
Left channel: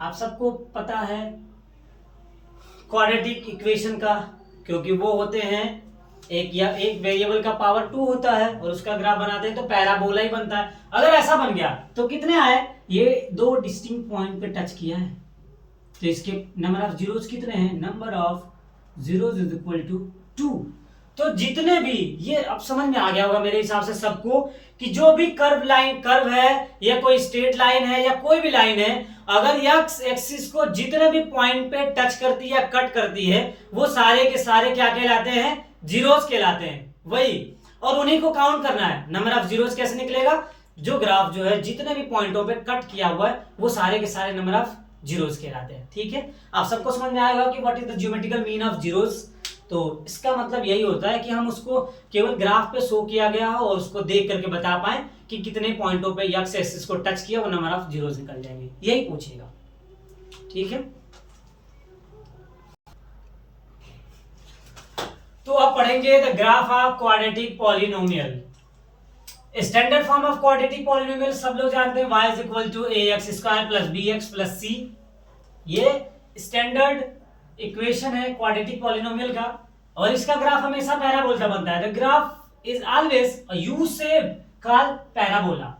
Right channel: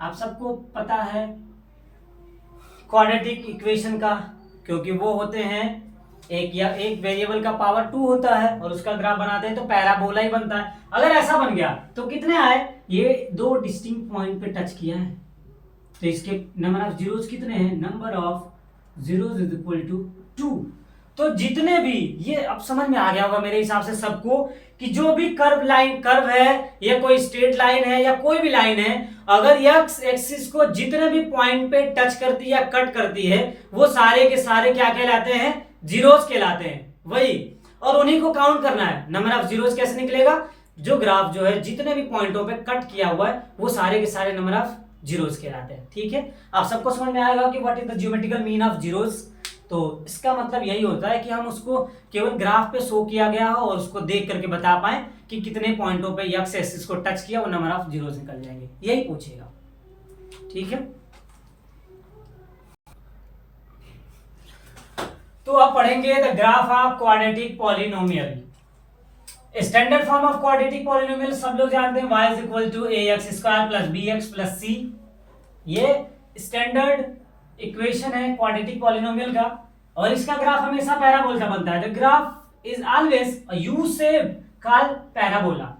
आप सबको पता है क्वाड्रेटिक इक्वेशन का, क्योंकि वो होते हैं एक वेरिएबल का पावर 2 होता है और उसका ग्राफ बनाते हैं तो पैराबोला ही बनता है। अगर ऐसा बन गया तो कितने आए? ये दो डिस्टिंक्ट पॉइंट पे टच किया है, तो इसके नंबर ऑफ जीरोस कितने हैं? Number of zeros is equal to 2। तो जितने भी, ये अब समझ में आ गया होगा मेरे हिसाब से सबको, कि जो भी कर्व है या कोई स्ट्रेट लाइन है या कोई भी लाइन है, अगर एक्स एक्सिस को जितने भी पॉइंट पे टच करती है या कट करती है, वो सारे के सारे क्या कहलाते हैं? जीरोस कहलाते हैं। वही, और उन्हीं को काउंट करना है। नंबर ऑफ जीरोस कैसे निकलेगा? जो ग्राफ जो है जितने भी पॉइंटों पे कट किया हुआ है वो सारे के सारे नंबर ऑफ जीरोस कहलाते हैं। ठीक है, आप सबको समझ में आएगा कि what is the geometrical mean of zeros. तो इसका मतलब यही होता है कि हम उसको केवल ग्राफ पे शो किया गया हो और उसको देख करके बता पाए कि कितने पॉइंटों पे एक्स एक्सिस को टच किया, वो नंबर ऑफ जीरोस निकल जाएंगे, यही पूछेगा। ठीक है, तो अब पढ़ेंगे the graph of quadratic polynomial. Standard form of quadratic polynomial सब लोग जानते हैं, y is equal to ax² plus bx plus c। ये स्टैंडर्ड इक्वेशन है क्वाड्रेटिक पॉलिनोमियल का, और इसका ग्राफ हमेशा पैराबोला का बनता है। The graph is always a U shape called parabola,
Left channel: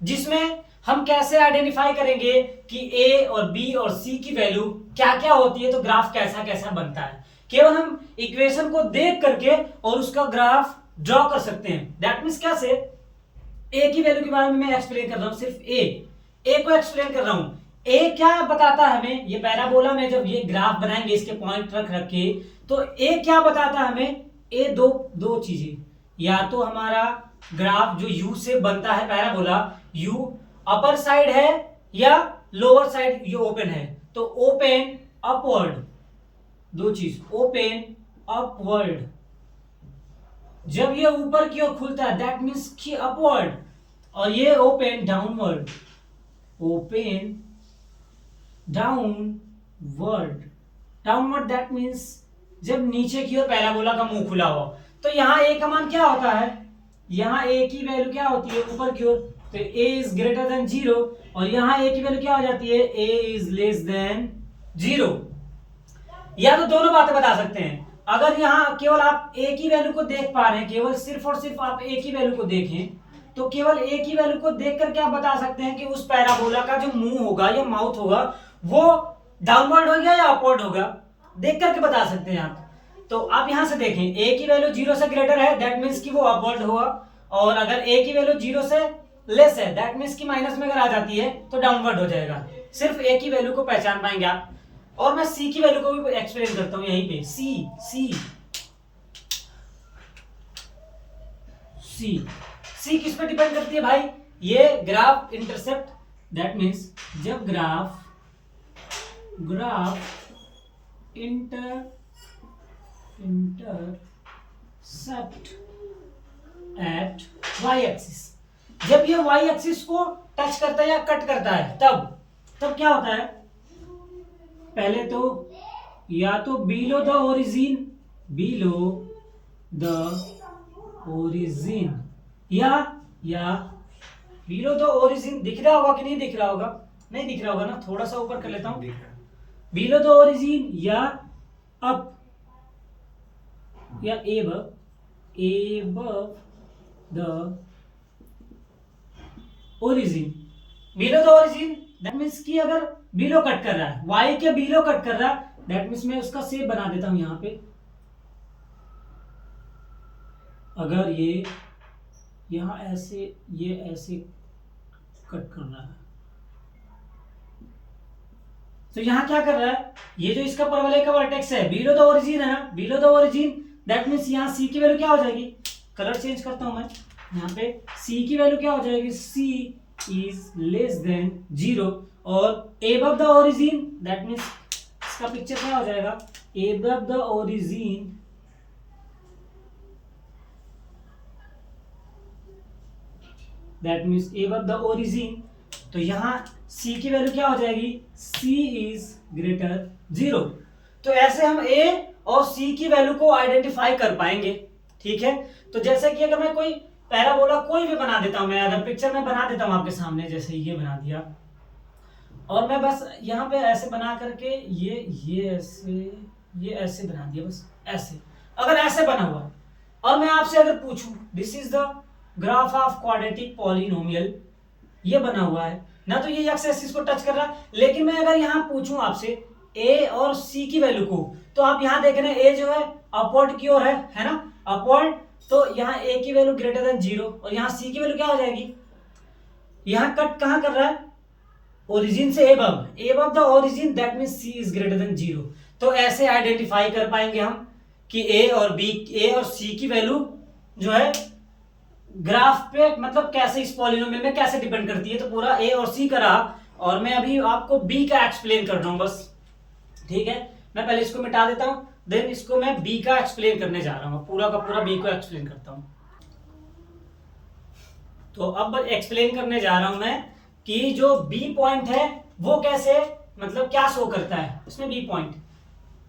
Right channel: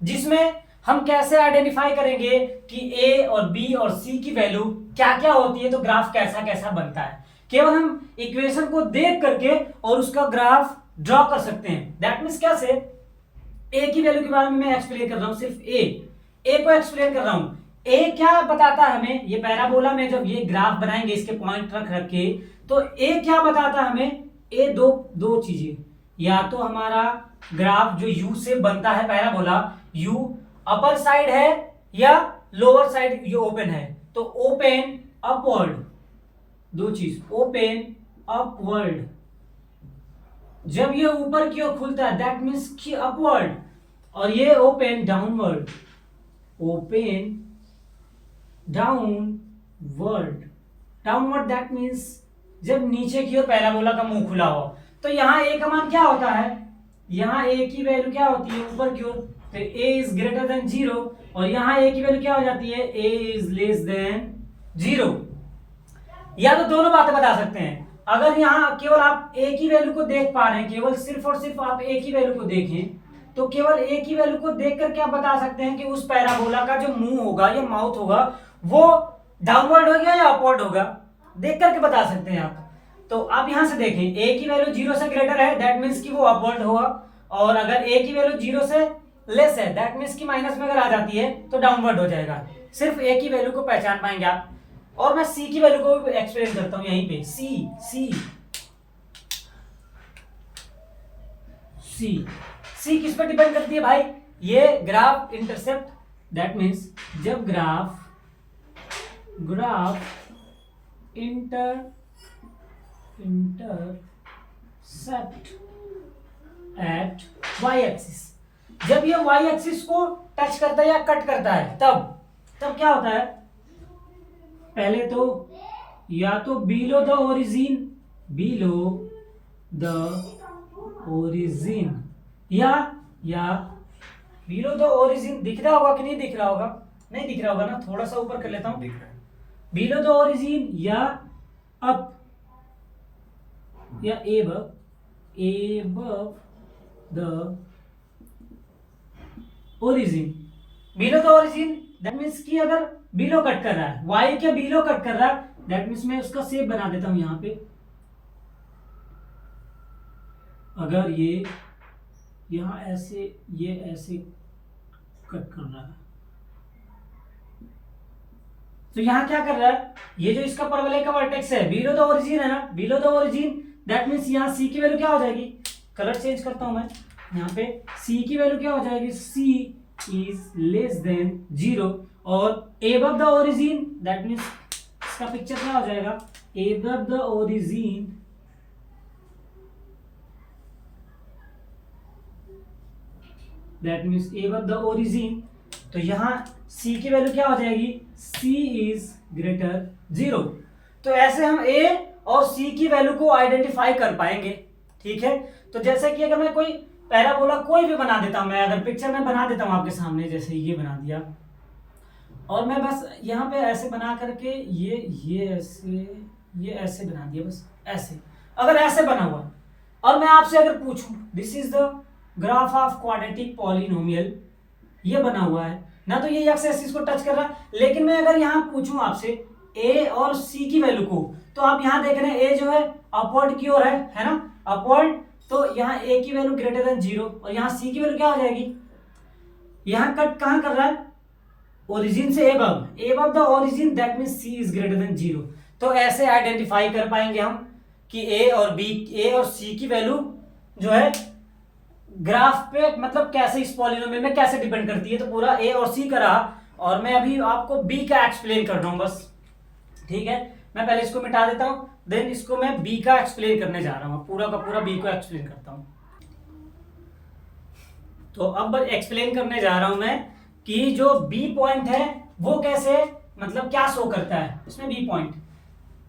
जिसमें हम कैसे आइडेंटिफाई करेंगे कि a और b और c की वैल्यू क्या क्या होती है, तो ग्राफ कैसा कैसा बनता है। केवल हम इक्वेशन को देख करके और उसका ग्राफ ड्रॉ कर सकते हैं। दैट मीन्स कैसे? a की वैल्यू के बारे में मैं एक्सप्लेन कर रहा हूं, सिर्फ a को एक्सप्लेन कर रहा हूं। a क्या बताता है हमें? ये पैराबोला में जब ये ग्राफ बनाएंगे इसके पॉइंट रख रख के, तो a क्या बताता है हमें? a दो चीजें, या तो हमारा ग्राफ जो u से बनता है पैराबोला, u अपर साइड है या लोअर साइड ये ओपन है, तो ओपन अपवर्ड, दो चीज, ओपन अपवर्ड। जब ये ऊपर की ओर खुलता है दैट मीन्स कि अपवर्ड, और ये open downward, open downward, downward that means जब नीचे की ओर पैराबोला का मुंह खुला हो। तो यहाँ a का मान क्या होता है? यहाँ a की वैल्यू क्या होती है? ऊपर की ओर तो a इज ग्रेटर देन 0 और यहाँ a की वैल्यू क्या हो जाती है, a इज लेस देन 0। या तो दोनों बातें बता सकते हैं, अगर यहाँ केवल आप a की वैल्यू को देख पा रहे हैं, केवल सिर्फ और सिर्फ आप a की वैल्यू को देखें, तो केवल a की वैल्यू को देख करके आप बता सकते हैं कि उस पैराबोला का जो मुंह होगा या माउथ होगा वो डाउनवर्ड होगा या अपवर्ड होगा, देख करके बता सकते हैं आप। तो आप यहां से देखें, a की वैल्यू 0 से ग्रेटर है, दैट मीन्स कि वो अपवर्ड होगा, और अगर a की वैल्यू 0 से लेस है, दैट मीन्स कि माइनस में अगर आ जाती है तो डाउनवर्ड हो जाएगा। सिर्फ a की वैल्यू को पहचान पाएंगे आप। और मैं c की वैल्यू को भी एक्सप्लेन करता हूं यहीं पे। c किस पर डिपेंड करती है भाई, ये ग्राफ इंटरसेप्ट, दैट मीन्स जब graph intercept at y axis, जब ये y एक्सिस को टच करता है या कट करता है तब क्या होता है, पहले तो या तो बिलो द ओरिजिन या बिलो द ओरिजिन, दिख रहा होगा कि नहीं दिख रहा होगा, नहीं दिख रहा होगा ना, थोड़ा सा ऊपर कर लेता हूं, दिख रहा है, बिलो द ओरिजिन या अप या above the origin. Below the origin that means कि अगर बिलो कट कर रहा है, y के बिलो कट कर रहा है, दैट मीन्स मैं उसका शेप बना देता हूं यहां पे, अगर ये यहां ऐसे ये ऐसे कट कर रहा है तो यहां क्या कर रहा है, ये जो इसका परवलय का वर्टेक्स है बिलो द ओरिजिन है ना, below the origin that means यहां c की वैल्यू क्या हो जाएगी, कलर चेंज करता हूं मैं, यहां पे c की वैल्यू क्या हो जाएगी, c इज लेस देन 0 और above the origin that means इसका पिक्चर क्या हो जाएगा, above the origin that means above the origin, तो यहां c की वैल्यू क्या हो जाएगी, c इज ग्रेटर 0। तो ऐसे हम a और c की वैल्यू को आइडेंटिफाई कर पाएंगे, ठीक है। तो जैसे कि अगर मैं कोई पैराबोला कोई भी बना देता हूं, मैं अगर पिक्चर में बना देता हूं आपके सामने, जैसे ये बना दिया और मैं बस यहाँ पे ऐसे बना करके ये ऐसे बना दिया, बस ऐसे, अगर ऐसे बना हुआ और मैं आपसे अगर पूछूं this is the graph of quadratic polynomial, ये बना हुआ है ना, तो ये एक्स एक्सिस को टच कर रहा है, लेकिन मैं अगर यहाँ पूछूं आपसे a और c की वैल्यू को, तो आप यहाँ देख रहे हैं a जो है अपवर्ड की ओर है ना, अपवर्ड, तो यहाँ a की वैल्यू ग्रेटर देन 0 और यहाँ c की वैल्यू क्या हो जाएगी, यहाँ कट कहाँ कर रहा है, ओरिजिन से above the origin that means c is greater than 0। तो ऐसे आइडेंटिफाई कर पाएंगे हम कि a और c की वैल्यू जो है ग्राफ पे मतलब कैसे इस पॉलिनोमियल में कैसे डिपेंड करती है। तो पूरा a और c का रहा और मैं अभी आपको b का एक्सप्लेन कर रहा हूं बस, ठीक है। मैं पहले इसको मिटा देता हूं, देन इसको मैं b का एक्सप्लेन करने जा रहा हूं, पूरा का पूरा b को एक्सप्लेन करता हूं। तो अब एक्सप्लेन करने जा रहा हूं मैं कि जो b पॉइंट है वो कैसे मतलब क्या शो करता है उसमें b पॉइंट।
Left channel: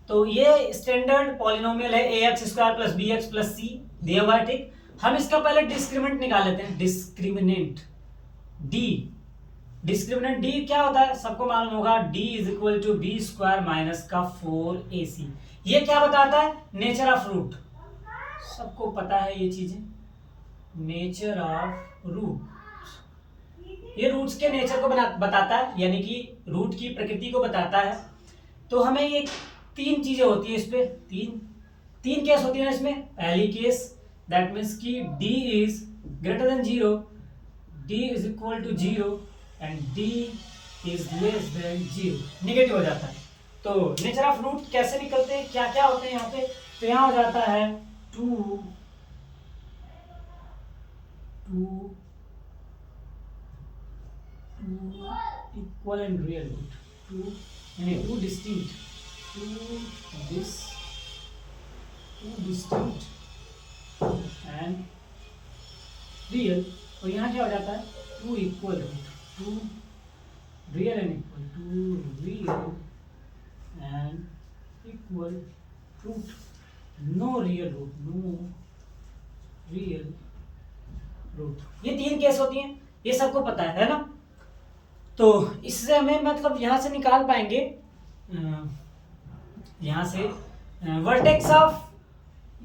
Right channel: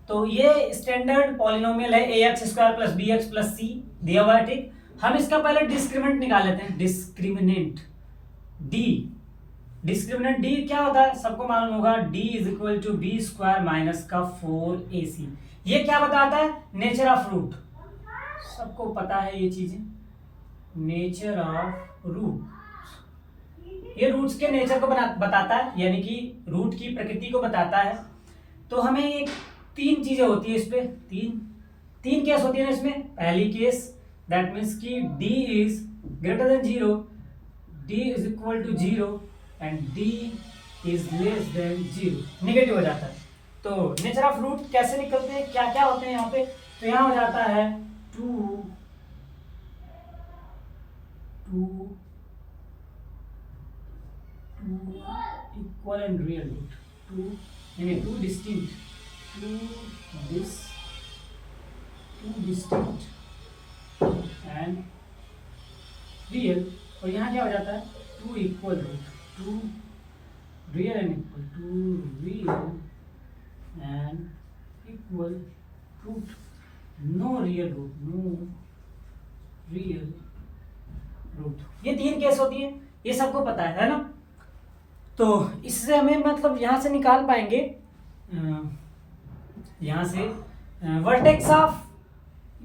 तो ये स्टैंडर्ड पॉलिनोमियल है ax square plus b x plus c दिया हुआ है, ठीक। हम इसका पहले डिस्क्रिमिनेंट निकाल लेते हैं, डिस्क्रिमिनेंट d क्या होता है सबको मालूम होगा, d is equal to b square minus का 4ac। ये क्या बताता है, नेचर ऑफ रूट, सबको पता है ये चीजें, नेचर ऑफ रूट, ये रूट्स के नेचर को बताता है, यानी कि रूट की प्रकृति को बताता है। तो हमें ये तीन चीजें होती है इस पे, तीन केस होती है इसमें। पहली केस दैट मीन्स कि d इज greater than 0, d is equal to 0 and d is less than 0, negative हो जाता है। तो नेचर ऑफ रूट कैसे निकलते हैं, क्या क्या होते हैं यहाँ पे, तो यहाँ हो जाता है 2 equal and real root, two distinct and real, और यहाँ क्या हो जाता है 2 equal root, 2 real and equal, 2 real and equal root, no real root, no real root. ये तीन केस होती हैं। ये सबको पता है ना। तो इससे हमें मतलब यहाँ से निकाल पाएंगे, यहाँ से वर्टेक्स ऑफ,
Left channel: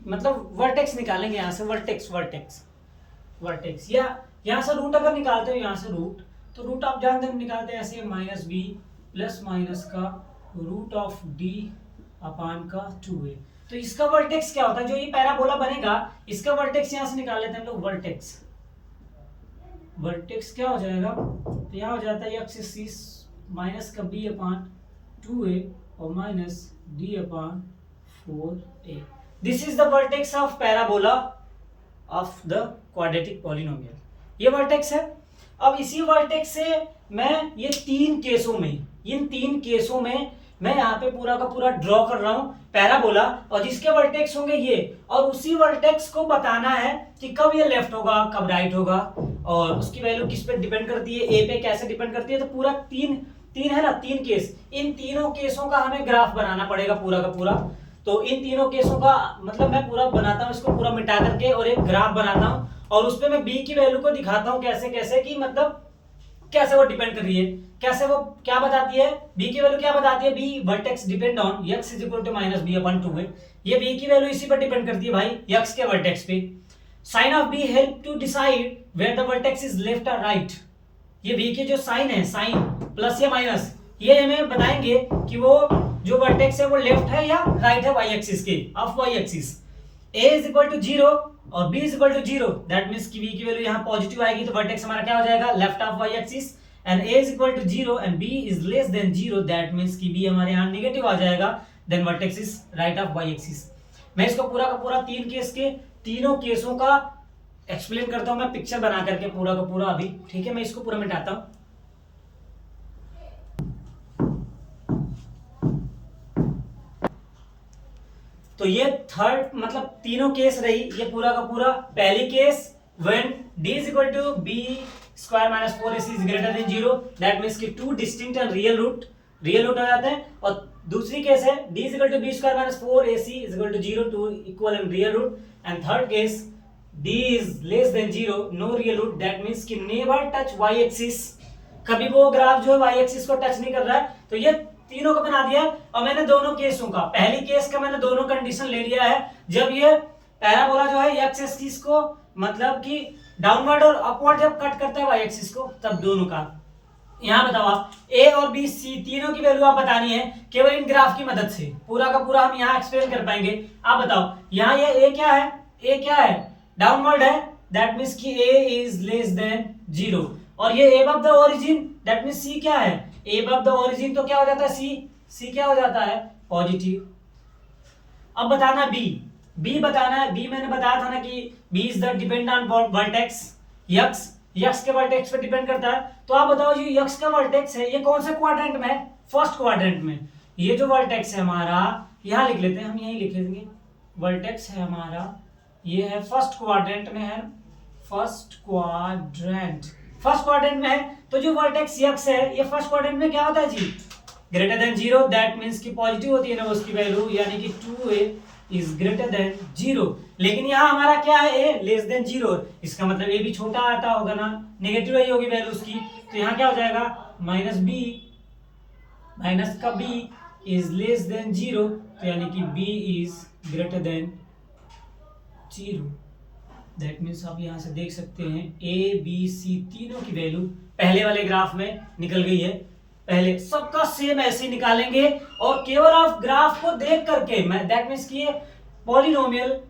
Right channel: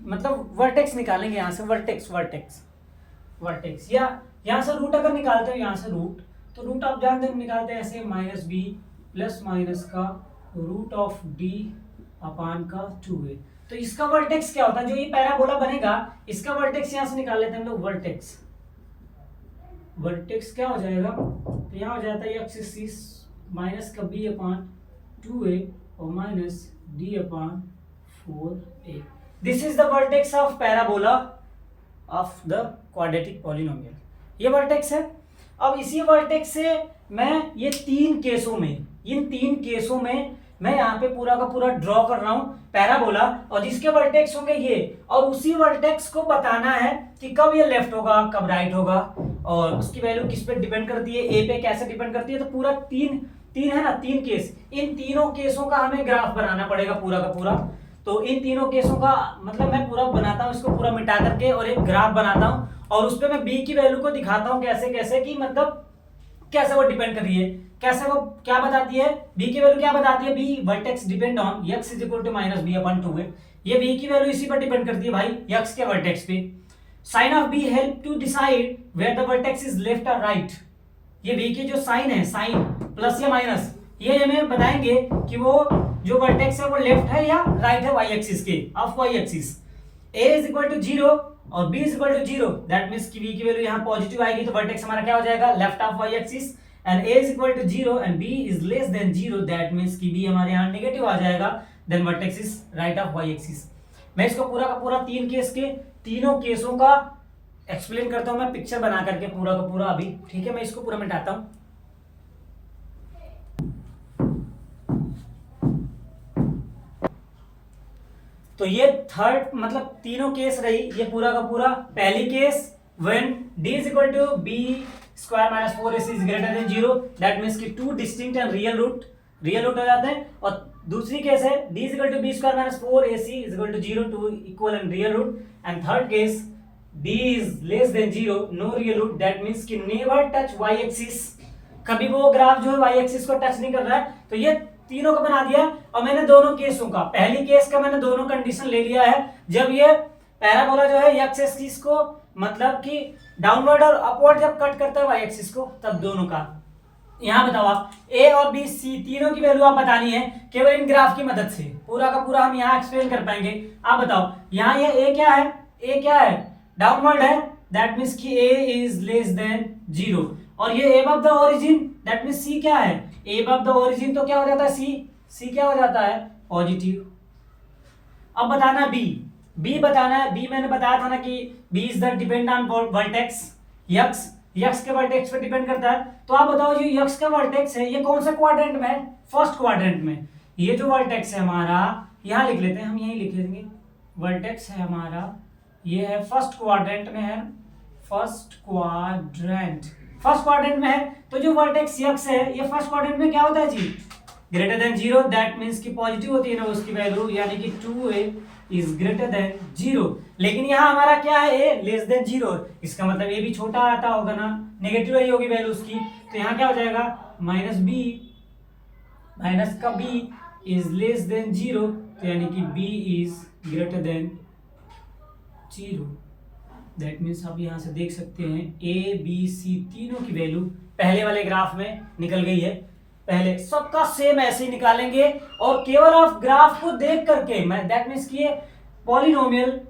मतलब वर्टेक्स निकालेंगे यहाँ से, वर्टेक्स वर्टेक्स वर्टेक्स, या यहाँ से रूट अगर निकालते हो, यहाँ से रूट, तो रूट आप जानते हैं निकालते हैं ऐसे, माइनस बी प्लस माइनस का रूट ऑफ डी अपान का 2a। तो इसका वर्टेक्स क्या होता है, जो ये पैराबोला बनेगा इसका वर्टेक्स यहाँ से निकाल लेते हैं हम लोग। वर्टेक्स वर्टेक्स क्या हो जाएगा, तो यहाँ हो जाता है एक्स एक्सिस माइनस का b अपान 2a और minus d upon 4a। This is the vertex of parabola of the quadratic polynomial, ये वर्टेक्स है। अब इसी वर्टेक्स से मैं ये तीन केसों में, इन तीन केसों में मैं यहाँ पे पूरा का पूरा ड्रॉ कर रहा हूँ पैराबोला, और जिसके वर्टेक्स होंगे ये, और उसी वर्टेक्स को बताना है कि कब ये लेफ्ट होगा कब राइट होगा, और उसकी वैल्यू किस पे डिपेंड करती है, ए पे कैसे डिपेंड करती है। तो पूरा तीन है ना, तीन केस, इन तीनों केसों का हमें ग्राफ बनाना पड़ेगा पूरा का पूरा। तो इन तीनों केसों का मतलब मैं पूरा बनाता हूँ, इसको पूरा मिटा करके और एक ग्राफ बनाता हूँ, और उस पर मैं बी की वैल्यू को दिखाता हूँ कैसे कैसे, कि मतलब कैसे वो डिपेंड कर रही है, कैसे वो क्या बताती है, बी की वैल्यू क्या बताती है, b vertex depend on x is equal to minus b upon 2a। ये बी की वैल्यू इसी पर डिपेंड करती है भाई, x के वर्टेक्स पे। Sign of b help to decide where the vertex is left और राइट। ये बी के जो साइन है, साइन प्लस या माइनस, ये हमें बताएंगे कि वो जो वर्टेक्स है वो लेफ्ट है या राइट है वाई एक्सिस के, of y axis. a is equal to 0 और b is equal to 0, that means कि b की वैल्यू यहाँ पॉजिटिव आएगी, तो वर्टेक्स हमारा क्या हो जाएगा, left of y axis. And a is equal to 0 and b is less than 0, that means कि b हमारे यहाँ नेगेटिव आ जाएगा, then vertex is right of y axis. मैं इसको पूरा का पूरा तीन केस के तीनों केसों का एक्सप्लेन करता हूँ मैं पिक्चर बना करके पूरा का पूरा अभी, ठीक है। मैं इसको पूरा मिटाता हूँ। तो ये थर्ड मतलब तीनों केस रही, ये पूरा का पूरा। पहली case when d is equal to b square minus 4ac is greater than 0, that means कि two distinct and real root हो जाते हैं। और दूसरी केस है d is equal to b square minus 4ac is equal to 0, two equal and real root. And third case d is less than 0, no real root, that means कि never touch y axis, कभी वो graph जो है y axis को touch नहीं कर रहा है। तो ये तीनों को बना दिया, और मैंने दोनों केसों का, पहली केस का मैंने दोनों कंडीशन ले लिया है, जब ये पैराबोला जो है x एक्सिस को मतलब कि डाउनवर्ड और अपवर्ड जब कट करता है y एक्सिस को, तब दोनों का। यहाँ बताओ आप a और b c तीनों की वैल्यू आप बतानी है केवल इन ग्राफ की मदद से, पूरा का पूरा हम यहाँ एक्सप्लेन कर पाएंगे। आप बताओ यहाँ ये a क्या है, a क्या है, डाउनवर्ड है, दैट मींस कि a इज लेस देन 0, और ये above the origin, that means c क्या है, अबव द ओरिजिन, तो क्या हो जाता है c क्या हो जाता है, पॉजिटिव। अब बताना b बताना है। b मैंने बताया था ना कि b is the depend on vertex, x के वर्टेक्स पे डिपेंड करता है। तो आप बताओ ये x का वर्टेक्स है, ये कौन से क्वाड्रेंट में है, फर्स्ट क्वाड्रेंट में। ये जो वर्टेक्स है हमारा, यहाँ लिख लेते हैं हम, यहीं लिख लेंगे, वर्टेक्स है हमारा, ये है फर्स्ट क्वाड्रेंट में है, फर्स्ट क्वाड्रेंट में है। तो जो वर्टेक्स x है ये फर्स्ट क्वाड्रेंट में क्या होता है जी, ग्रेटर देन 0, दैट मींस कि पॉजिटिव होती है ना उसकी वैल्यू, यानी कि 2a इज ग्रेटर देन 0। लेकिन यहाँ हमारा क्या है, a लेस देन 0, इसका मतलब a भी छोटा आता होगा ना, नेगेटिव ही होगी वैल्यू उसकी। तो यहाँ क्या हो जाएगा, माइनस का b इज लेस देन 0, तो यानी कि b is greater than 0, that means आप यहाँ से देख सकते हैं a b c तीनों की वैल्यू पहले वाले ग्राफ में निकल गई है। पहले सबका सेम ऐसे ही निकालेंगे, और केवल आप ग्राफ को देख करके, मैं दैट मींस कि ये पॉलिनोमियल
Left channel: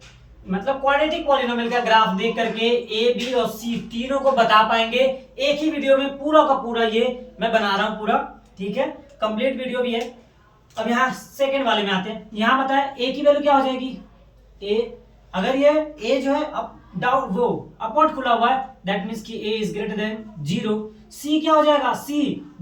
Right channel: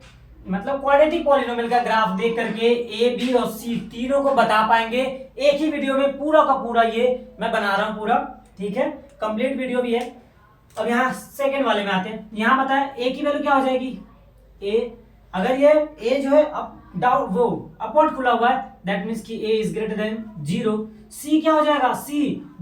मतलब क्वाड्रेटिक पॉलिनोमियल का ग्राफ देख करके ए बी और सी तीनों को बता पाएंगे एक ही वीडियो में, पूरा का पूरा ये मैं बना रहा हूं पूरा, ठीक है, कंप्लीट वीडियो भी है। अब यहाँ सेकंड वाले में आते हैं। यहाँ बताएं ए की वैल्यू क्या हो जाएगी, ए अगर ये ए जो है डाउन वो अपवर्ड खुला हुआ है, दैट मींस कि a is greater than 0। c क्या हो जाएगा, c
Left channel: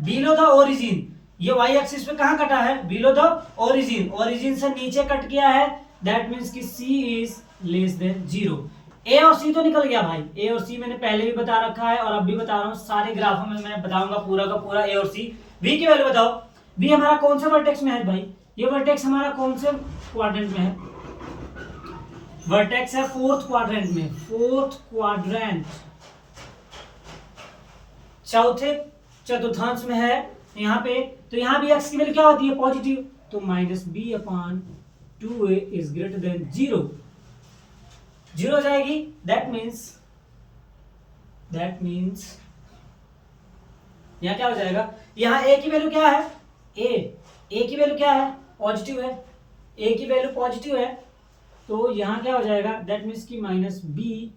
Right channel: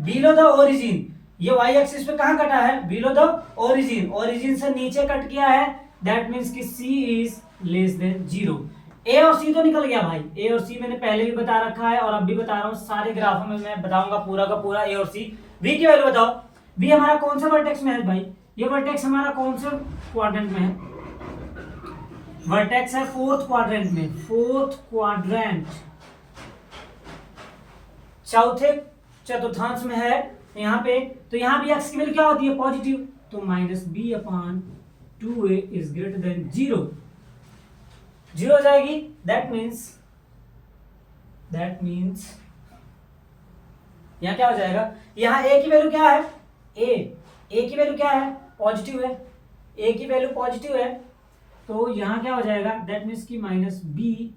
बिलो द ओरिजिन, ये y एक्सिस पे कहां कटा है, बिलो द ओरिजिन से नीचे कट किया है, दैट मींस कि c is less than 0। a और c तो निकल गया भाई, a और c मैंने पहले भी बता रखा है और अब भी बता रहा हूं, सारे ग्राफों में मैं बताऊंगा पूरा का पूरा a और c। v की वैल्यू बताओ, v हमारा कौन सा वर्टेक्स में है भाई, ये वर्टेक्स हमारा कौन से क्वाड्रेंट में है, वर्टेक्स है फोर्थ क्वाड्रेंट में, फोर्थ क्वाड्रेंट, चौथे चतुर्थांश में है यहाँ पे, तो यहाँ भी x की वैल्यू क्या होती है, पॉजिटिव, तो minus b upon 2a is greater than 0, 0 हो जाएगी। दैट मीन्स यहाँ क्या हो जाएगा, यहाँ a की वैल्यू क्या है, a की वैल्यू क्या है, पॉजिटिव है, a की वैल्यू पॉजिटिव है, तो यहाँ क्या हो जाएगा, दैट मीन्स की माइनस बी,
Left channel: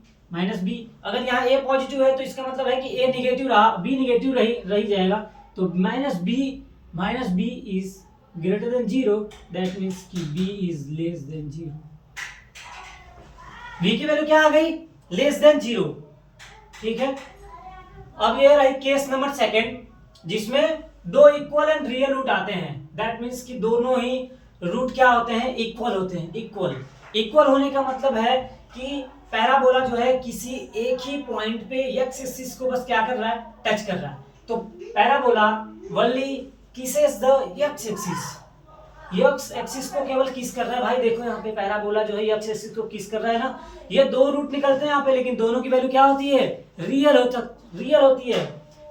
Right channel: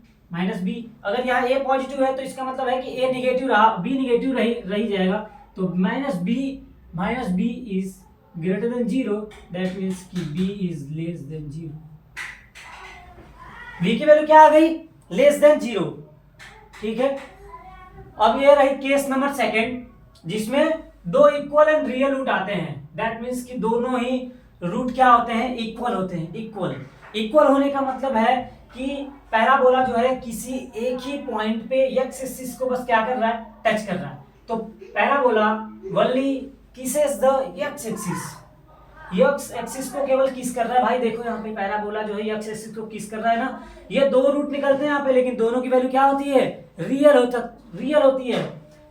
अगर यहाँ a पॉजिटिव है तो इसका मतलब है कि a निगेटिव रहा, b निगेटिव रही जाएगा, तो minus b is greater than 0, that means कि b is less than 0, b की वैल्यू क्या आ गई, लेस देन 0। ठीक है, अब ये रही केस नंबर सेकंड, जिसमें दो इक्वल एंड रियल रूट आते हैं, दैट मीन्स कि दोनों ही रूट क्या होते हैं, इक्वल होते हैं। इक्वल होने का मतलब है कि पैराबोला जो है किसी एक ही पॉइंट पे एक्स एक्सिस को बस क्या कर रहा है, टच कर रहा है, तो parabola only kisses the x axis को केवल किस कर रहा है। भाई देखो यहाँ पे पैराबोला जो है एक्स एक्सिस को किस कर रहा है ना, ये दो रूट निकलते हैं यहाँ पे, लेकिन दोनों की वैल्यू क्या होती है, रियल होती है।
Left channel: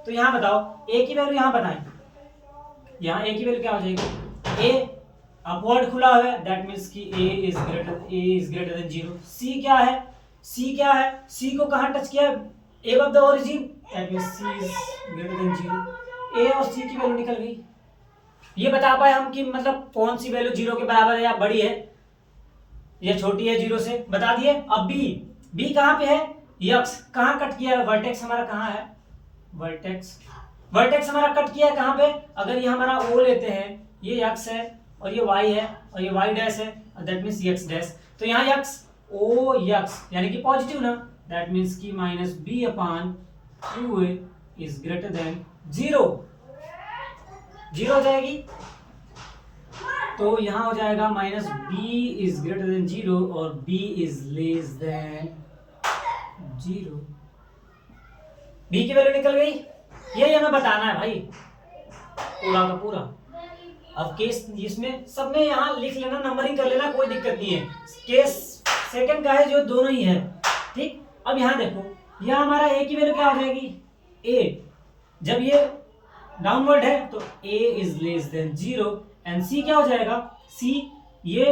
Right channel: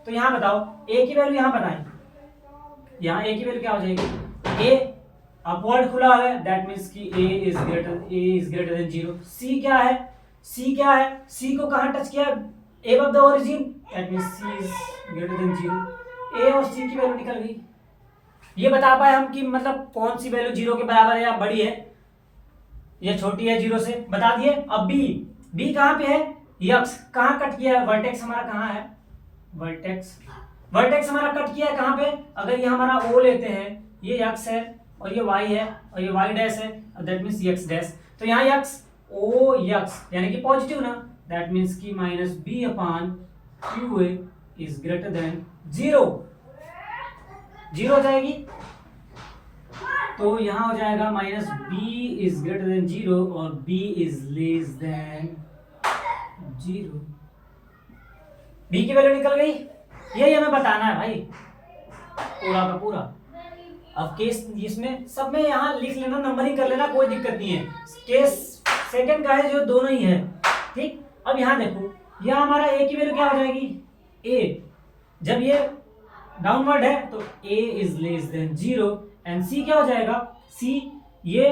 तो यहाँ बताओ a की वैल्यू, यहाँ बताएं, यहाँ a की वैल्यू क्या हो जाएगी, a अपवर्ड खुला हुआ है, दैट मीन्स कि a is greater than 0। c क्या है, c को कहाँ टच किया, above the origin, that means c is greater than 0। a और c की वैल्यू निकल गई। ये बता पाए हम कि मतलब कौन सी वैल्यू 0 के बराबर है या बड़ी है, ये छोटी है 0 से, बता दिए। अब b कहाँ पे है, यक्स कहाँ कट किया है, वर्टेक्स हमारा कहाँ है, वर्टेक्स हमारा कट किया है कहाँ पे, अगर ये हमारा o लेते हैं, ये x है और ये y है और ये y डैश है, दैट मीन्स x डैश, तो यहाँ x o x यानी कि पॉजिटिव ना, दैट मीन्स की minus b upon 2a is greater than 0 हो जाएगी। तो यहाँ हो जाएगा minus b is greater than 0 और b is less than 0, b की वैल्यू निकल गई। यही हमें बताना है भाई पूरा का पूरा। अब केस इसमें सब में यहाँ लिख लेना, नंबरिंग कर लेना, कोई दिक्कत नहीं है। केस सेकंड का है जो दोनों ही है, ठीक। अब यहाँ देखो, यहाँ हमारा a की वैल्यू क्या हो जाएगी, a जब ये डाउनवर्ड है तो a is less than 0 and c क्या हो जाएगा, c ये